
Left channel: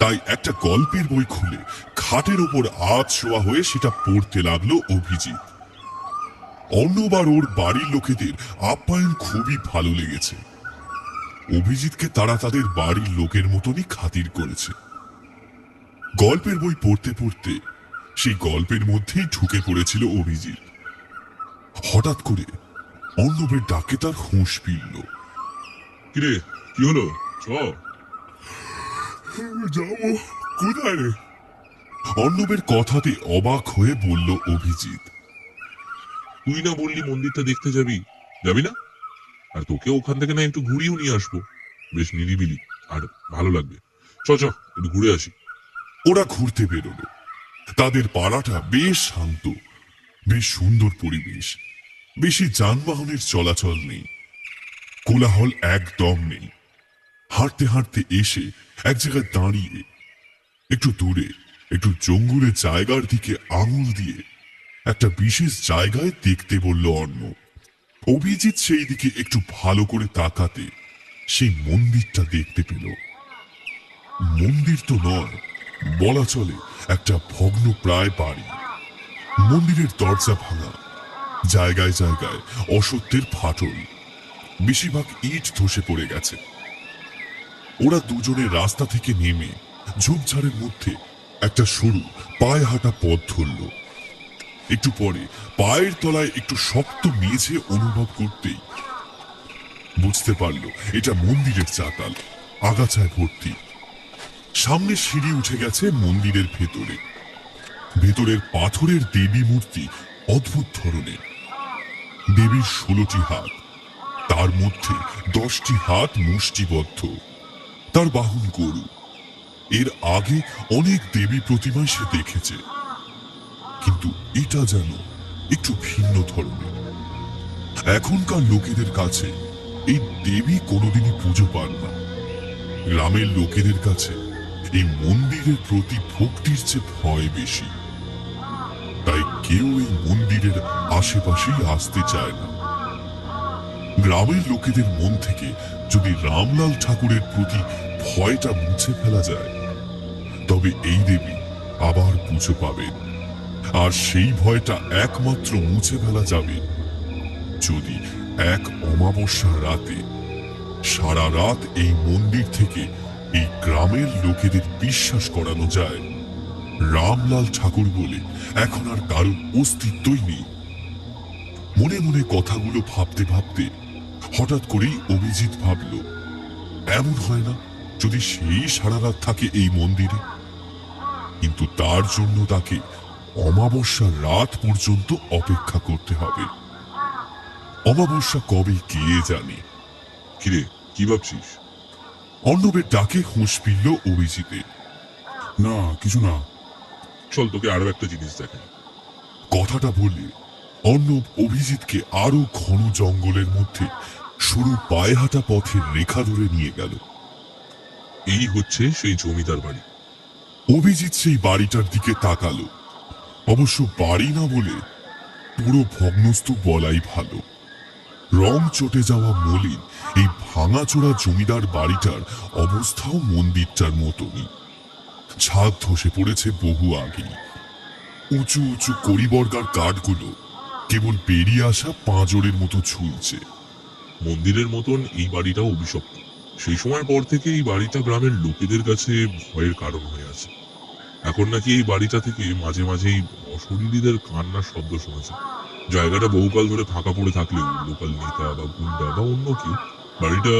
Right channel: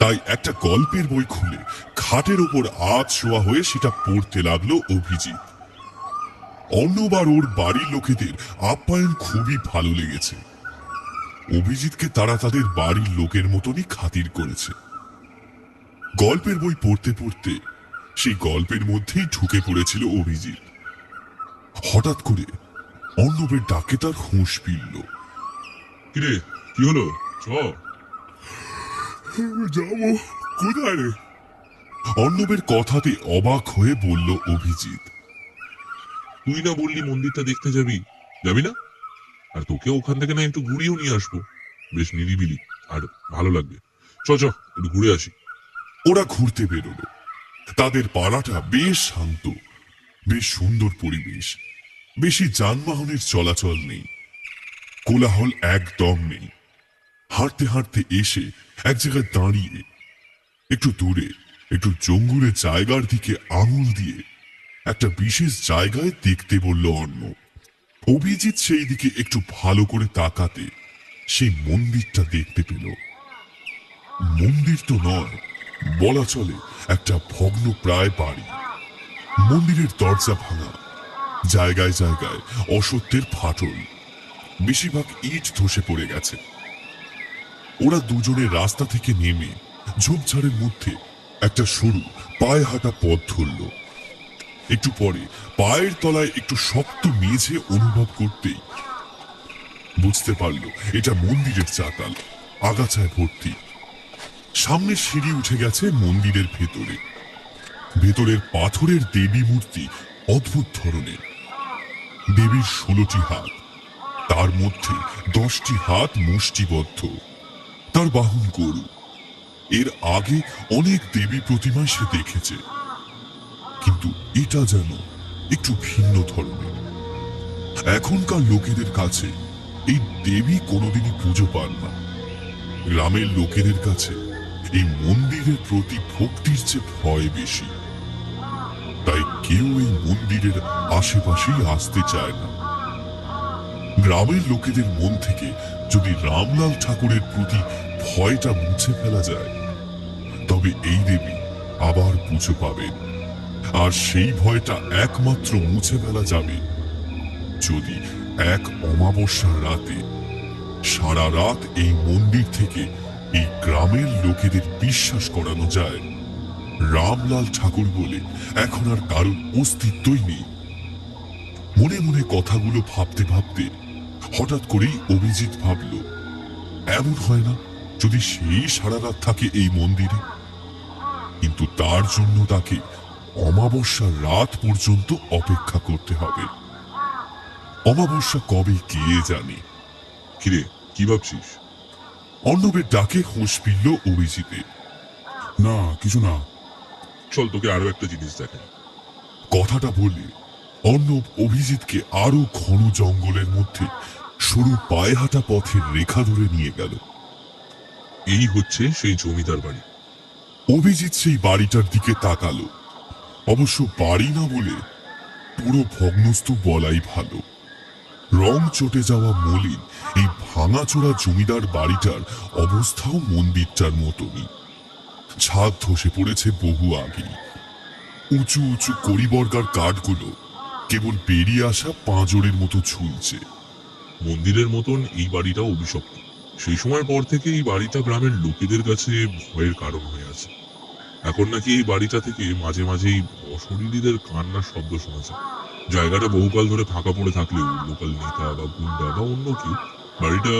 তাই একটা গল্পের বই খুলে খাটের উপর আধ শোয়া হয়ে সেটা পড়তে লাগলো অভিজিৎ। অর্ণব আর ওর বাড়ির লোকেদের আপ্যায়ন খুবই ভালো লেগেছে। অভিজিৎকে তারা তাদের বাড়ির লোকের মতনই খাতির করেছে। গল্পের বই পড়তে পড়তে সেই গল্পের মধ্যেই ঢুকে পড়েছিল অভিজিৎ। হঠাৎ করে অর্ণবের ডাকে তার হুঁশ ফিরল। কিরে, কি হলো? চ। যাবো কোথায় রে? অর্ণবের কথাতে অবাক হয়ে বলল অভিজিৎ। তুই না বললি মন্দিরটা দেখতে যাবি? যাবি না? আর তোকে ওখান থেকে না একটু ঘুরিয়েও নিয়ে আসবো, বেশ নিরিবিলি আর ভালো লাগবে। চ চ, একটু ঘুরে আসি। ওরা ঘুরতে বেরোলো। তাদের পাড়াটা বেশ শান্ত, বেশ সুন্দর পরিবেশ। বেশি যানবাহনের চলাচল নেই, কোলাহল একদম নেই। হাঁটতে হাঁটতে এসে এক জায়গায় দাঁড়িয়ে একটু দূরে একটু জঙ্গলের জায়গার দিকে আঙুল দিয়ে একটা বিশেষ জায়গায় দেখতে বলল অর্ণব। অভিজিৎ সেই দিকে একটু ভালো করে তাকাতে সেই মন্দিরটা দেখতে পেল। মন্দির তো নয়, বলা চলে একটা ভগ্ন প্রায় বাড়ি। মন্দিরের দরজা ভাঙা, জায়গায় জায়গায় অসত্যের ফাটল, বেশিরভাগ ইট ধসে পড়ে গেছে। ওরা দুজনে রাস্তা থেকে নেমে ঝোপঝাড়ের মধ্যে একটা সরু পায়ে হাঁটা পথ ধরল। একটু পরে পায়ের তলায় একটু শক্ত মেঝে অনুভব করতেই বুঝতে পারল এটা মন্দিরের চাতাল, আগাছায় ভর্তি। সামনে সিঁড়ি উঠে গেছে মন্দিরের ভেতরে। ভেতরের পাথরের দেবী মূর্তি অদ্ভুত ধরনের। দেবীর 16টি হাত, তার মধ্যে 10টি হাত মুষ্টিবদ্ধ। তার বাহন গরু। এর আগে অনেক দেবী প্রতিমা সে দেখেছে, কিন্তু এটা যেন একটু ভিন্ন ধরনের। এখনকার লোকেদের কাছে এই দেবী কোনোদিনই পুজো পান না। গ্রামের লোকেদের কাছে এই মন্দিরের প্রতি ভক্তির চেয়ে ভয় বেশি, তাই কেউ এই মন্দিরের আশেপাশেই আসতে চায় না। গ্রামের লোকেদের মন থেকে যদি রামলাল ঠাকুরের প্রতি ভয়টা মুছে ফেলা যায়, তবে এই দেবী আবার পুজো পাবেন। আর সেই ভয়টা একমাত্র মুছে ফেলা যাবে যদি এক অমাবস্যার রাতে সারা রাত এই মন্দির থেকে এই গ্রামের লোকেদের বিশ্বাস করানো যায় রামলাল ঠাকুর বলে এখন আর কারোর অস্তিত্বই নেই। মনে মনে কথাগুলো ভাবতে ভাবতে হঠাৎ করেই অভিজিৎ ভাবল, এমন হয় না যদি সেই সারা রাত থাকে এই মন্দিরে? কিন্তু তার জন্য তাকে অমাবস্যার রাত পর্যন্ত অপেক্ষা করতে হবে। অমাবস্যা কবে কে জানে। কিরে, কি ভাবছিস? অর্ণবের ডাকে হুঁশ ফিরল অভিজিতের। না, কিছু না। চল তোকে আরো একটা জিনিস দেখাই। কথাটা বলে অর্ণব অভিজিৎকে আরো ঘন জঙ্গলের মধ্যে সরু পায়ে হাঁটা পথের রেখা ধরে নিয়ে গেল। এই হচ্ছে সেই জমিদার বাড়ি। অভিজিৎ সেই বাড়িটার দিকে তাকালো। অবশ্য বাড়ি না বলে পুরো ভগ্নস্তূপ বলাই ভালো। রং চটে যাওয়া মলিন এই ভাঙাচোরা জমিদার বাড়িটার অবস্থাও মন্দিরটার মতনই। ছাদ ধসে পড়েছে বহু আগেই। উঁচু উঁচু কড়িবর্গার কাঠগুলো কেবল বেরিয়ে আসা পাঁজরের মতো ঝুলছে। মন্দিরের মতন এই বাড়িটাও অভিশপ্ত। সেই সময় পর থেকে এই বাড়িটা গ্রামের লোকেদের কাছে ভয়ের কারণ হয়ে আছে। এখন নাকি এই বাড়িটা থেকে মাঝে মাঝেই অশরীরীদের কান্নার শব্দ শোনা যায়। জায়গাটা বহুকাল ধরে ফাঁকা পড়ে থাকলেও লোকাল নেতা বা গুন্ডা বা অন্য কেউ বাড়িটা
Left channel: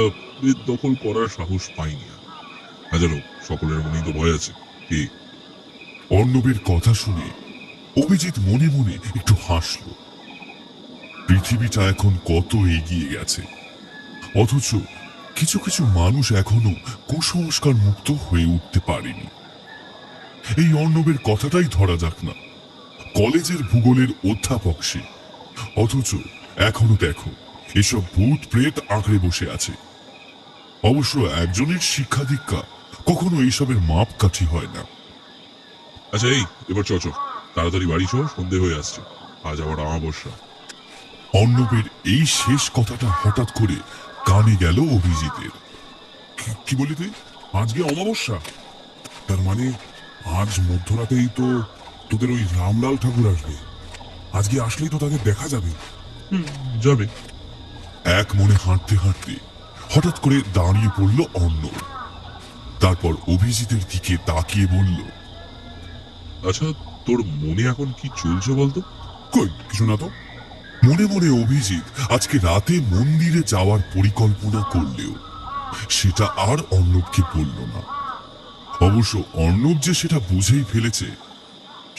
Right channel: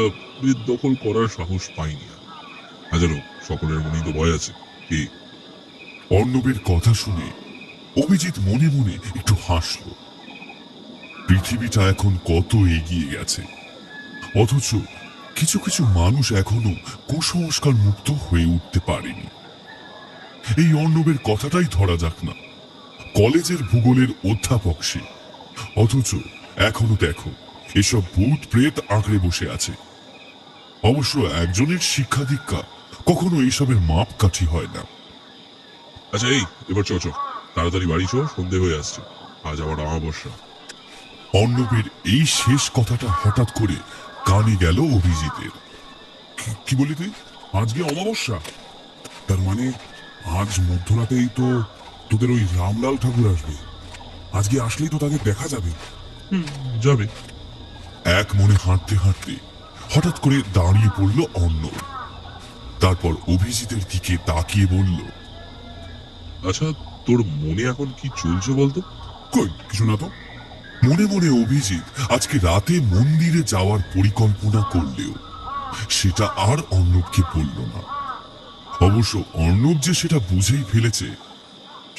দখল করার সাহস পায়নি। হাজারো সকলের মনেই তো ভয় আছে। কে? অর্ণবের কথা শুনে অভিজিৎ মনে মনে একটু হাসল। পৃথিবীটা এখন কত এগিয়ে গেছে, অথচ কিছু কিছু মানুষ এখনো কুসংস্কার মুক্ত হয়ে উঠতে পারেনি। এই অর্ণবের কথাটাই ধরা যাক না। কলেজের ভূগোলের অধ্যাপক সে, অথচ এখনো দেখো এসব ভূত প্রেত আঁকড়ে বসে আছে। অবশ্য একজনের শিক্ষা দীক্ষা কখনো এসবের মাপকাঠি হয় না। আচ্ছা, এই এবার চ তাড়াতাড়ি বাড়ি চ, সন্ধে হয়ে আসছে। আজ আবার অমাবস্যা। অর্ণবের এই শেষ কথাটা হঠাৎ করে কানে গেল অভিজিতের। কি বলি তুই? আজকে অমাবস্যা? তার মানে আজ মধ্যরাতেই তো তোদের ওই রামলাল ঠাকুর আসবে। আজকে আসলেই তো তাকে দেখা যাবে। যাবে। এক মনে হাঁটতে হাঁটতে হঠাৎ করে দাঁড়িয়ে পড়ল অর্ণব। তারপর অভিজিতের দিকে তাকিয়ে বলল, আচ্ছা, তোর মনে এখন কি চলছে বলতো? কই, কিছু না তো। মনে মনে অভিজিৎ আজকে রাতে মন্দিরে যাওয়ার পরিকল্পনা করলেও সেটা আর অর্ণবকে বলল না। অবশ্য অর্ণব যে সেটা বুঝেই ফেলেছে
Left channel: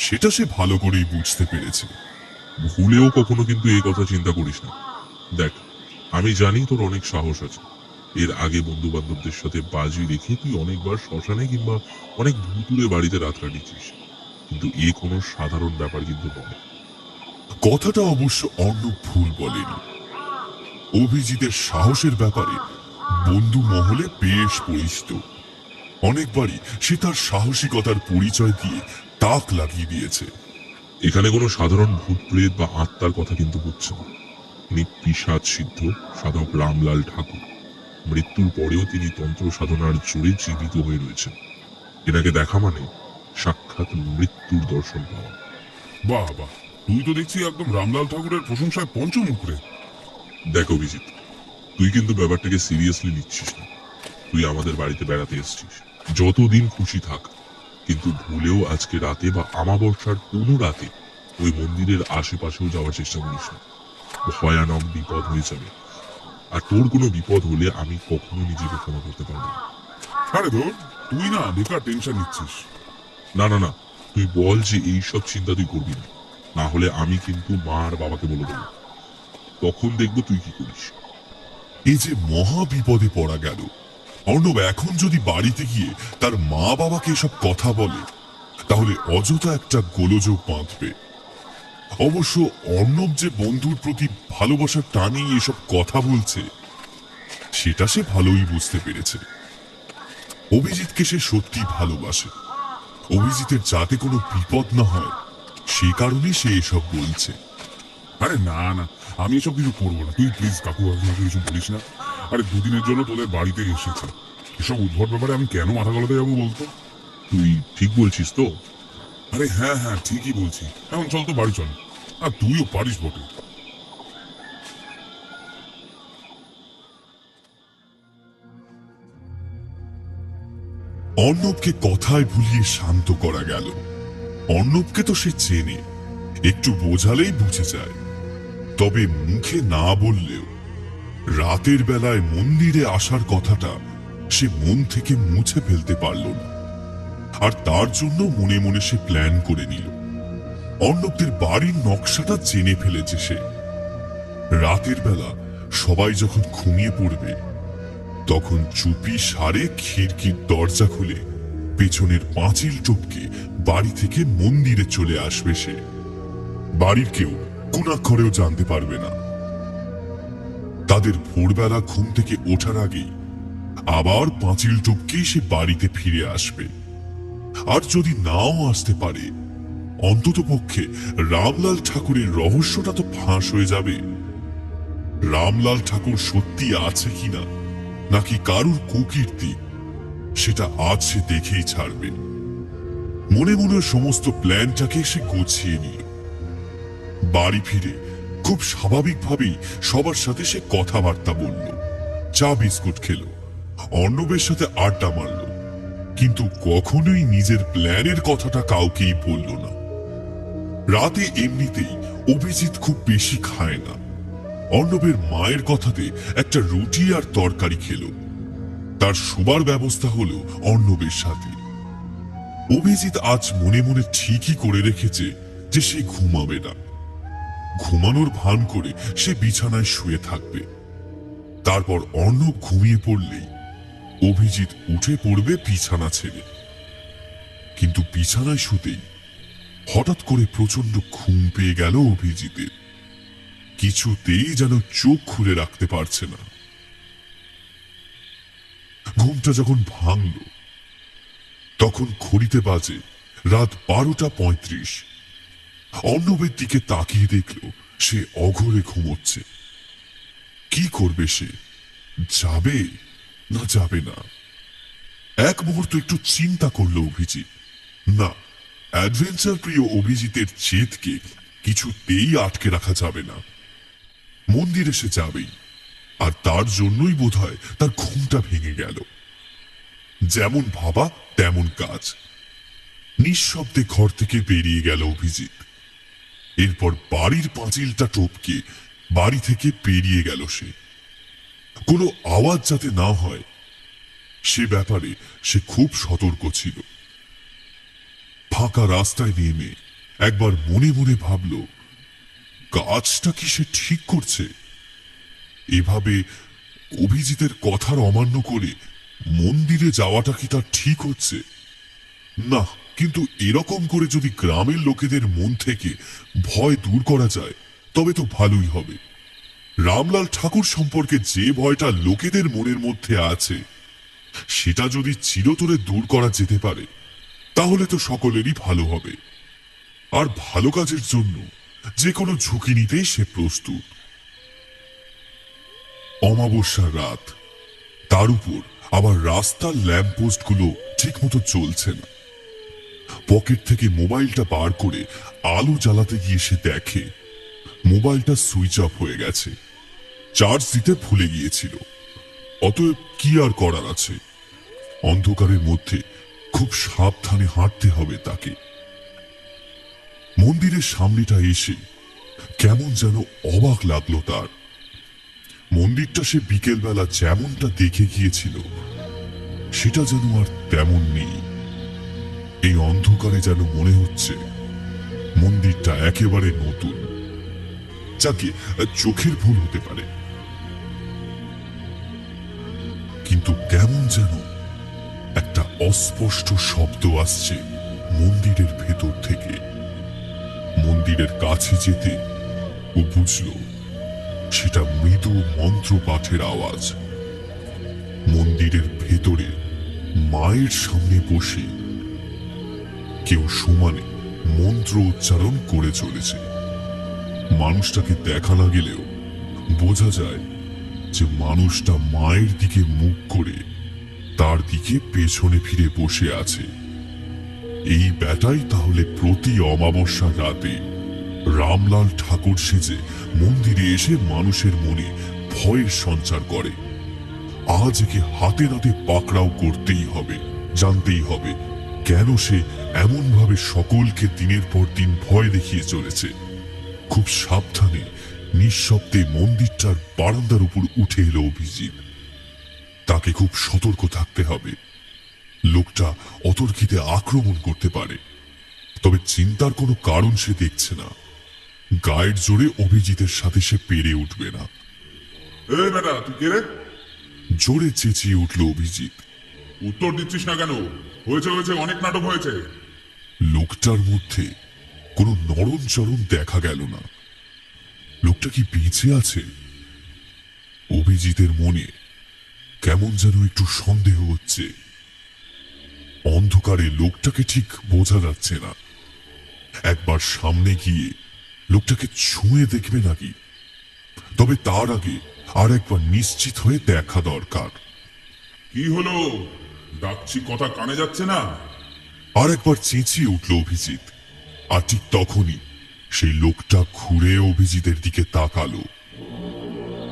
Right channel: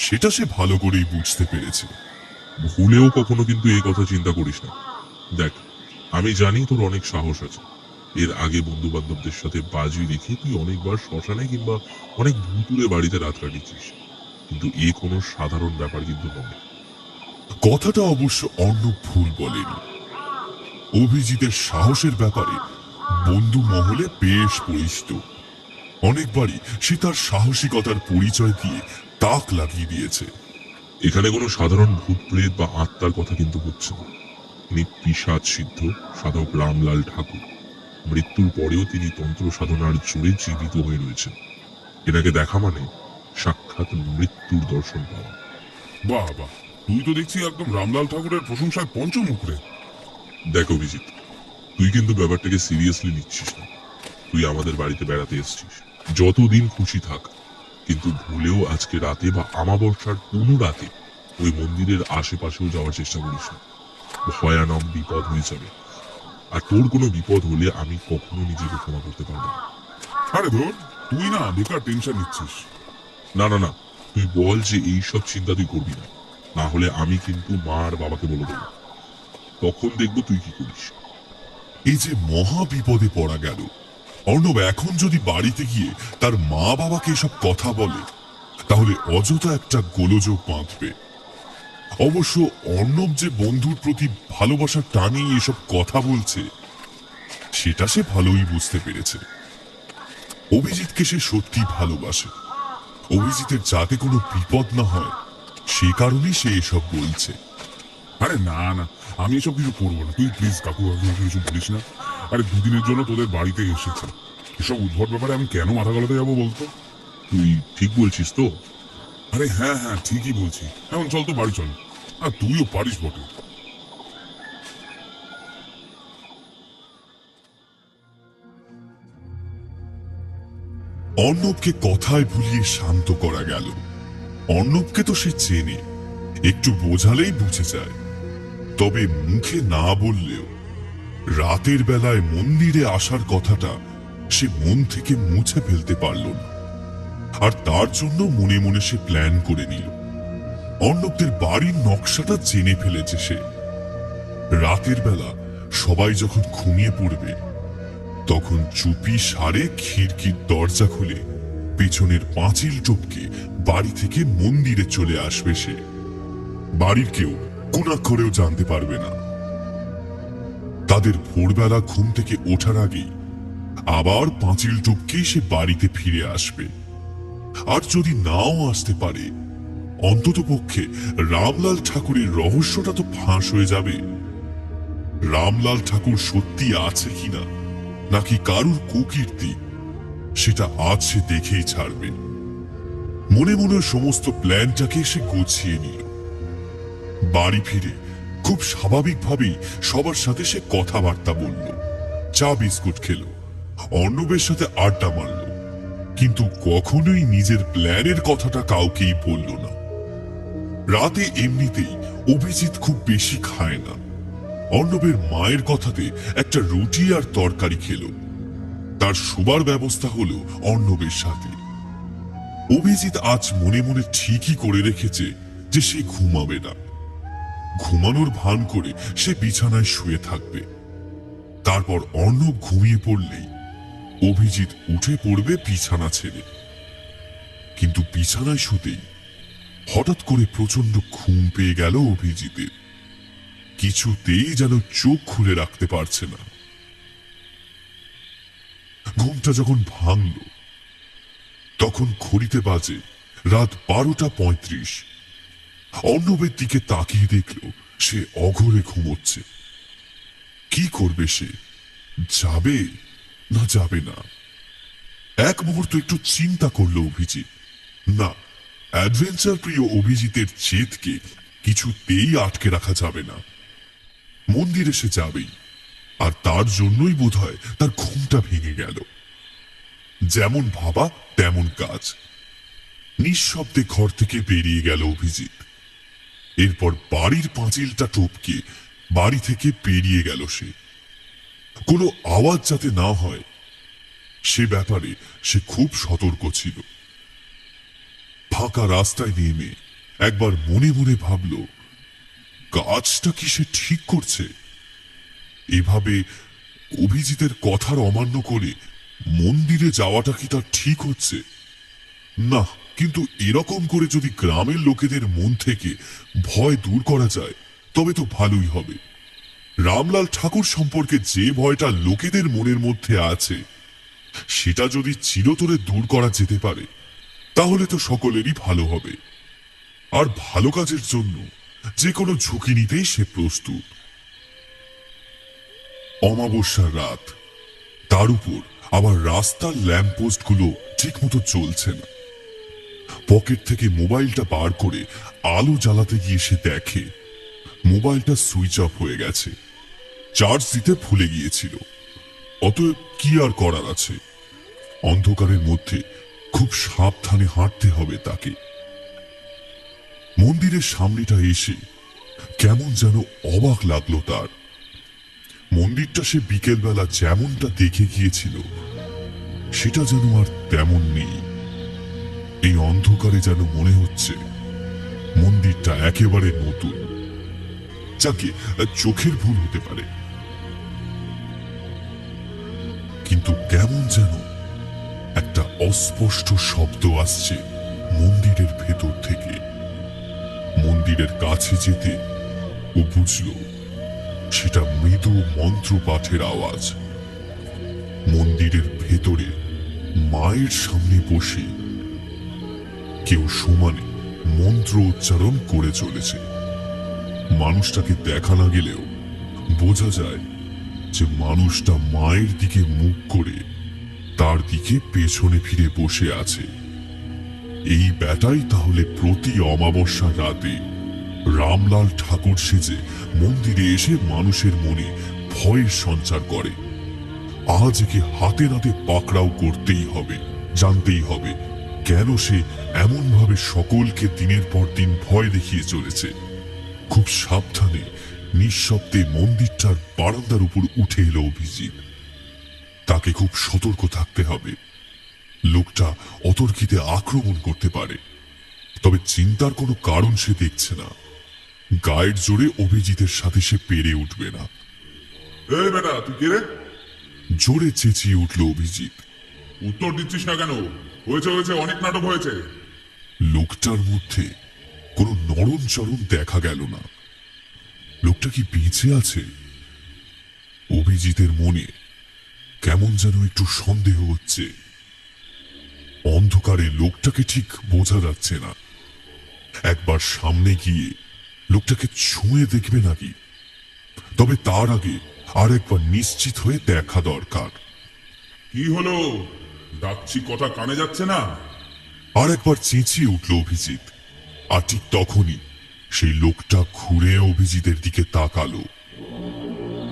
সেটা সে ভালো করেই বুঝতে পেরেছে। ভুলেও কখনো কিন্তু এই কথা চিন্তা করিস না। দেখ, আমি জানি তোর অনেক সাহস আছে। এর আগে বন্ধু বান্ধবদের সাথে বাজি রেখে তুই অনেকবার শ্মশানে কিংবা অনেক ভুতুরে বাড়িতে রাত কাটিয়েছিস, কিন্তু এ কোনো সাধারণ ব্যাপার কিন্তু নয়। কথাটা অবশ্য অর্ণব ভুল বলেনি। অভিজিতের সাহসের ব্যাপারে বন্ধু মহলে বেশ পরিচিত। অনেকবারই সে তার সাহসিকতার পরিচয় দিয়ে তাক লাগিয়ে দিয়েছে। এখানে কোনো সাধারণ ভূত প্রেত বা আত্মার কথা কিন্তু হচ্ছে না। তিনি পিশাচ সিদ্ধ সাধক রামলাল ঠাকুর। মৃত্যুর পরেও তিনি তন্ত্র সাধনার জোরে জীবিত হয়ে রয়েছেন। এনাকে দেখা মানে সাক্ষাৎ মৃত্যুর দর্শন পাওয়া। বাহ বাহ, তুই তো দেখছি একদম রামলাল ঠাকুরের প্রশংসায় পঞ্চমুখ রে। দেখ অভিজিৎ, তুই কিন্তু ব্যাপারটাকে সিরিয়াসলি নিচ্ছিস না। তুই আমাদের বাড়িতে বেড়াতে এসেছিস, যতদিন খুশি থাক, কিন্তু ভুলেও আজকে রাতে বা আমাবস্যার কোনো রাতে ওই মন্দিরের আশেপাশেও যাওয়ার চেষ্টা করিস না। ভয়ানক বিপদ হয়ে যাবে, আর তোর কোনো বিপদ হলে আমি কখনো নিজেকে ক্ষমা করতে পারবো না। আরে ধর, তুই না বেকার টেনশন নিচ্ছিস। না না না, তুই বল যে এইসব চিন্তা তুই করবি না, না হলে আমি কিন্তু মা আর বাবাকে বলে দেবো। তখন দেখবো তুই কি করিস। এই যে মহা বিপদে পড়া গেল, অর্ণব এখন যদি বাড়িতে গিয়ে তার মা বাবাকে এসব কথা বলে তাহলে অযথা একটা গোলযোগ বাঁধবে। অবশ্য অর্ণব যে বন্ধুর প্রতি ভালোবাসার টানেই এসব কথা বলছে সেটা সে ভালোই বুঝতে পেরেছে। অভিজিৎকে সে সত্যি ভালোবাসে। অভিজিতের যাতে কোনো বিপদ না হয় সে কারণে সে এসব বলছে। আরে না না, আমি এসব কিছু করবো না, তুই প্লিজ কাকু কিছু বলিস না। আরে দুদিনের জন্য তোদের বাড়িতে এসেছি, এসব উদ্ভট ব্যাপারে আমি কেন মাথা গলাতে যাবো বলতো? তুই ঠিক বলছিস তো? আরে হ্যাঁ হ্যাঁ ঠিকই বলছি, এখন চল তো বাড়ি চল। আর তুইও পারিস বটে। অর্ণবকে কথায় ভুলিয়ে শান্ত করা গেল। অর্ণবকে তো সে চেনে, একটু বোঝালেই বুঝে যায়। তবে মুখে না বললেও রাতের বেলায় মন্দিরে আসার কথাটা সে মন থেকে মুছে ফেলতে পারল না। আর তার জন্য মনে মনে সে প্ল্যান করে নিল। অর্ণবদের বাড়ির নকশাটা জেনে ফেলেছে সে। রাতের বেলা সবাই যখন ঘুমিয়ে পড়বে তখন চুপি সারে খিড়কির দরজা খুলে পেছনের পাঁচিল টপকে বাড়ি থেকে মন্দিরে চলে আসবে সে। বাড়ির কেউ কোনাক্ষরেও জানতে পারবে না। তাদের ভোরবেলা ঘুম থেকে ওঠার আগেই আবার পাঁচিল টপকেই সে বাড়িতে ফিরে আসবে। আর যদি নাও আসতে পারে অন্তত পক্ষে রামলাল ঠাকুরের রহস্যটা তো ফাঁস হয়ে যাবে। রামলাল ঠাকুর সত্যি আছে কিনা নাকি কারুর কুকীর্তি সেটা আজ সে দেখেই ছাড়বে। মনে মনে সমস্ত প্ল্যানটাকে সে গুছিয়ে নিল। বাড়ি ফিরে খুব স্বাভাবিকভাবেই সবার সাথে সে কথাবার্তা বলল, চা বিস্কুট খেলো, অর্ণবের সাথে আড্ডা মারল, কিন্তু কখনোই নিজের প্ল্যানের কথাটা কাউকেই বলল না। রাতে এমনিতেই অভিজিৎ খুব বেশি খায় না। অর্ণবের মায়ের কথাতে একটা রুটি আর তরকারি খেল। তার শোবার ব্যবস্থা হলো অর্ণবের সাথে। অভিজিৎ আজ মনে মনে ঠিকই করে রেখেছে যে সে ঘুমাবে না। ঘুমানোর ভান করে সে বিছানায় শুয়ে থাকবে। তারপর অর্ণব ঘুমিয়ে পড়লেই অভিজিৎ উঠে পড়বে বিছানা ছেড়ে। কিন্তু বিছানায় শুতেই হঠাৎ করে প্রচন্ড ঘুম পেয়ে গেল অভিজিতের। কিছুতেই যেন চোখ খুলে রাখতে পারছে না। ঘুমটা যখন ভাঙল তখন ঘড়িতে বাজে রাত 12:35। অর্ণবের দিকে তাকিয়ে দেখল সে অঘরে ঘুমোচ্ছে। কি করবে সে? যাবে না যাবে না? এক মুহূর্ত একটু চিন্তা করলো অভিজিৎ। না, অ্যাডভেঞ্চার প্রিয় অভিজিতের জেদকে কিছুতেই আটকে রাখা যাবে না। মন্দিরে সে যাবেই, আর তার জন্যই বোধহয় তার ঘুমটা ভেঙে গেল। যেমন ভাবা তেমন কাজ। নিঃশব্দে ঘর থেকে বেরিয়ে গেল অভিজিৎ। এরপর বাড়ির পাঁচিলটা টপকে বাড়ি থেকে বেরিয়ে গেল সে। কোনো আওয়াজ যাতে না হয় সে ব্যাপারে সে খুব সতর্ক ছিল। ফাঁকা রাস্তায় নেমে একবার মনে মনে ভাবল, কাজটা কি সে ঠিক করছে? এভাবে অভিজিতের কথার অমান্য করে মন্দিরে যাওয়াটা কি তার ঠিক হচ্ছে? না, কিন্তু এরকম করে যদি গ্রামের লোকেদের মন থেকে ভয় দূর করা যায় তবে তো ভালোই হবে। রামলাল ঠাকুর সম্পর্কে যে ভয়টা লোকেদের মনের মধ্যে আছে সেটা যদি চিরতরে দূর করা যেতে পারে তাহলে তো সকলেরই ভালো হবে। আর ভালো কাজের জন্য যে কোনো ঝুঁকি নিতেই সে প্রস্তুত। অমাবস্যার রাত, তার উপর আবার রাস্তার ল্যাম্পপোস্টগুলো ঠিক মতো চলছে না। পকেট থেকে মোবাইলটা বার করে আলো জ্বালাতে গিয়ে সে দেখে মোবাইলটা সুইচ অফ হয়ে গেছে। চার্জ দিতে ভুলে গিয়েছিল। অতএব কি আর করার আছে, অন্ধকারের মধ্যে খুব সাবধানে হাঁটতে হবে তাকে। মন্দিরের সামনেটা এসে কেমন যেন অবাক লাগলো তার। মন্দিরটা সে বিকেলবেলা যেমনটা দেখে গিয়েছিল সেটা যেন আর তেমন নেই। এই অন্ধকারে যেন মনে হচ্ছে মন্দিরটা একেবারে নতুন। যাকে চোখের ভুল হতে পারে, কিন্তু কেমন যেন একটা অস্পষ্ট শব্দ আসছে মন্দিরের ভেতর থেকে। মন্দিরের কাছে যেতে ও বুঝল সেটা মৃদু মন্ত্র পাঠের আওয়াজ। মন্দিরের ভেতরে মায়ের সামনে বসে কেউ সমানে মন্ত্র উচ্চারণ করে চলেছে। মানুষটাকে দেখা না গেলেও বোঝা যায় যে মানুষটা মায়ের দিকে মুখ করে তার দিকে পেছনে ফিরে বসে আছে। এই ব্যাটাই তাহলে প্রতি অমাবস্যার রাতে রামলাল ঠাকুর সেজে মন্দিরে এসে মানুষের মনে ভয়ের সঞ্চার করে। আজ একে হাতে নাতে পাকড়াও করতেই হবে, জানতেই হবে কেন সে এমন ভাবে সকলকে দিনের পর দিন ভয় দেখিয়ে চলেছে। খুব সাবধানে নিঃশব্দে মন্দিরটার বারান্দার উপর উঠে এলো অভিজিৎ। তাকে খুব সতর্ক থাকতে হবে। লোকটা অতর্কিতে আক্রমণ করতে পারে, তবে চিন্তার কোনো কারণ সে দেখছে না। গায়ের জোরে অভিজিতের সাথে সে পেরে উঠবে না। এই বেটা, তুই কে রে? জোরে চেঁচিয়ে উঠল অভিজিৎ। উত্তর দিচ্ছিস না কেন? হয়েছে হয়েছে, অনেক নাটক হয়েছে। লোকটার মধ্যে কোনো নরম চরণ দেখা গেল না। লোকটা কি বেঁচে আছে? অভিজিতের মনে কেমন যেন একটু সন্দেহ হচ্ছে। অন্ধকারে লোকটাকে ঠিক বোঝা যাচ্ছে না। একবার সামনে গিয়ে লোকটাকে ছুঁয়ে দেখবে নাকি? তবে তার আগে আর একবার নিশ্চিত হয়ে দেখা দরকার। কি হলো? ডাকছি, কথা কানে যাচ্ছে না? আর একবার চেঁচিয়ে উঠল অভিজিৎ। আর ঠিক তখনই সেই লোকটা ঘুরে অভিজিতের দিকে তাকালো।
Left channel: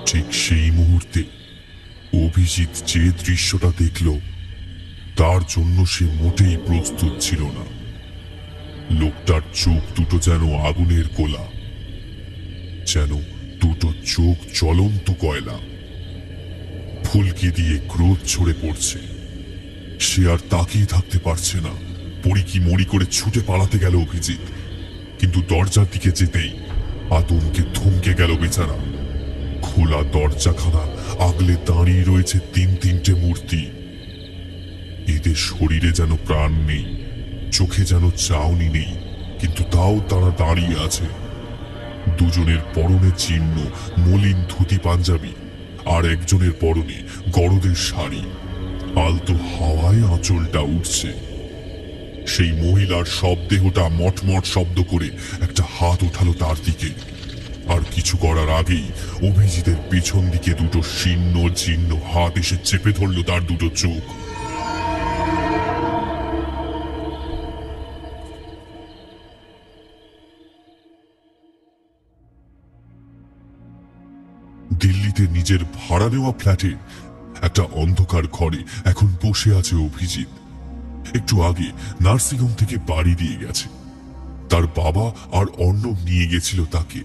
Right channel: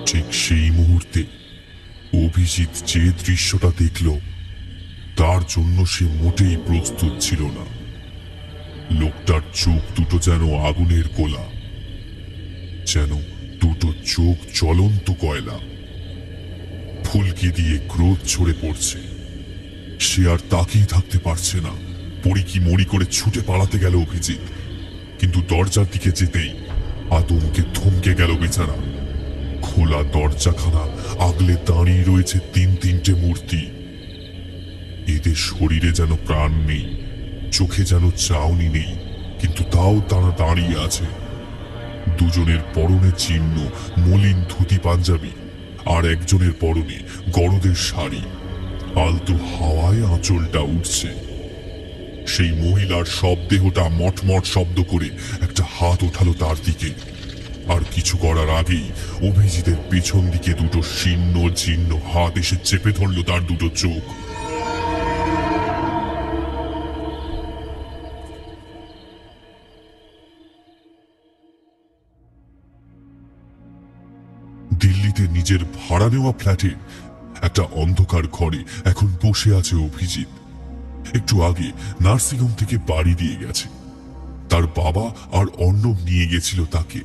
ঠিক সেই মুহূর্তে অভিজিৎ যে দৃশ্যটা দেখল তার জন্য সে মোটেই প্রস্তুত ছিল না। লোকটার চোখ দুটো যেন আগুনের গোলা, যেন দুটো চোখ জ্বলন্ত কয়লা। ফুলকি দিয়ে ক্রোধ ছড়ে পড়ছে। সে আর তাকিয়ে থাকতে পারছে না। পড়ি মরি করে ছুটে পালাতে গেল অভিজিৎ, কিন্তু দরজার দিকে যেতেই আতঙ্কে থমকে গেল বেচারা। খোলা দরজাখানা আগলে দাঁড়িয়ে রয়েছে তিনটে মূর্তি। এদের শরীরে যেন প্রাণ নেই, চোখে যেন চাউনি নেই, কিন্তু তাও তারা দাঁড়িয়ে আছে। দুজনের পরনে চিহ্ন মলিন ধুতি পাঞ্জাবি, আর একজনের পরনে গরদের শাড়ি। আলতো হাওয়ায় আঁচলটা উঠছে। সেই মহিলার সব দেহটা মটমট শব্দ করে একটা হাত ওঠালো তার দিকে। আর কিছু করার আগেই অভিজিতের পেছন দিকে দুটো শীর্ণ জীর্ণ হাত এসে চেপে ধরল তার দুটো চোখ। দিল্লিতে নিজের ভাড়া নেওয়া ফ্ল্যাটে একটা অন্ধকার ঘরে এখন বসে আছে অভিজিৎ। একটু আগে নার্সিংহোম থেকে বাড়ি দিয়ে গেছে। তার বাবা আর অর্ণব নিয়ে গেছিল তাকে।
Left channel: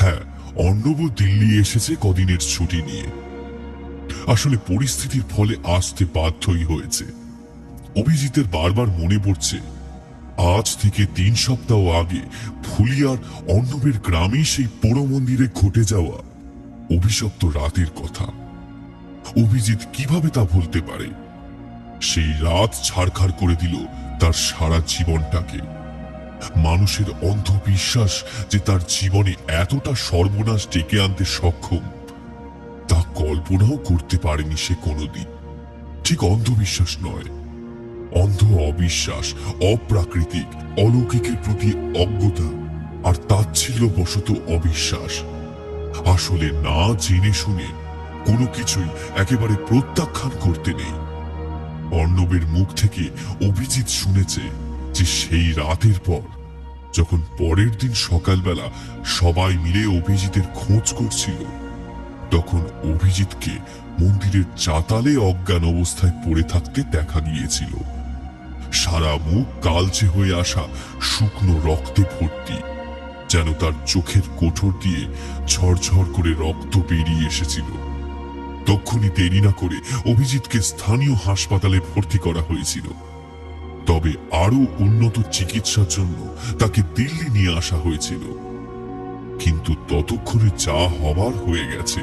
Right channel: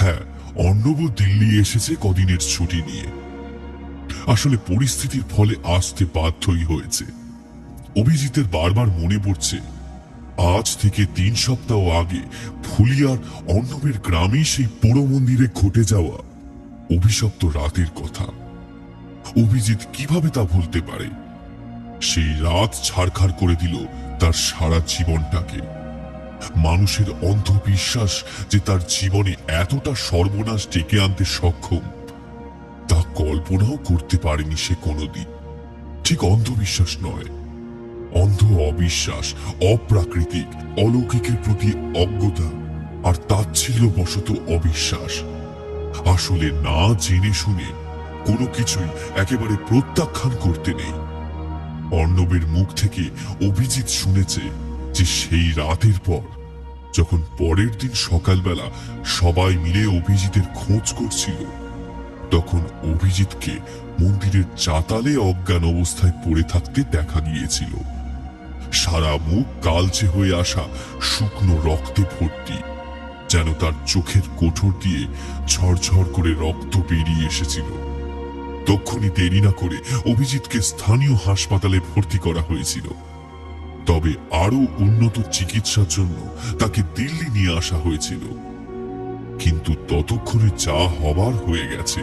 হ্যাঁ, অর্ণবও দিল্লি এসেছে কদিনের ছুটি নিয়ে। আসলে পরিস্থিতির ফলে আসতে বাধ্যই হয়েছে। অভিজিতের বারবার মনে পড়ছে আজ থেকে 3 সপ্তাহ আগে ফুলিয়ার অর্ণবের গ্রামে সেই পোড়ো মন্দিরে ঘটে যাওয়া অভিশপ্ত রাতের কথা। অভিজিৎ কিভাবে তা ভুলতে পারে? সেই রাত ছাড়খাড় করে দিল তার সারা জীবনটাকে। মানুষের অন্ধবিশ্বাস যে তার জীবনে এতটা সর্বনাশ ডেকে আনতে সক্ষম তা কল্পনাও করতে পারেনি সে কোনোদিন। ঠিক অন্ধবিশ্বাস নয়, অন্ধ অবিশ্বাস, অপ্রাকৃতিক অলৌকিকের প্রতি অজ্ঞতা আর তাচ্ছিল্যবশত অবিশ্বাস। আসলে না জেনে শুনে কোনো কিছুই একেবারে প্রত্যাখ্যান করতে নেই। অর্ণবের মুখ থেকে অভিজিৎ শুনেছে যে সেই রাতের পর যখন পরের দিন সকালবেলা সবাই মিলে অভিজিতের খোঁজ করছিল, তখন অভিজিৎকে মন্দিরের চাতালে অজ্ঞান অবস্থায় পড়ে থাকতে দেখা গিয়েছিল। সারা মুখ কালচে হয়ে আসা শুকনো রক্তে ভর্তি, যেন তার চোখের কোঠর দিয়ে ঝরঝর করে রক্ত বেরিয়ে এসেছিল। তখনই দেরি না করে অভিজিৎকে স্থানীয় হাসপাতালে ভর্তি করা হয়েছিল। তবে আরো উন্নত চিকিৎসার জন্য তাকে দিল্লি নিয়ে আসা হয়েছিল। কিন্তু ততক্ষণে যা হবার হয়ে গেছে।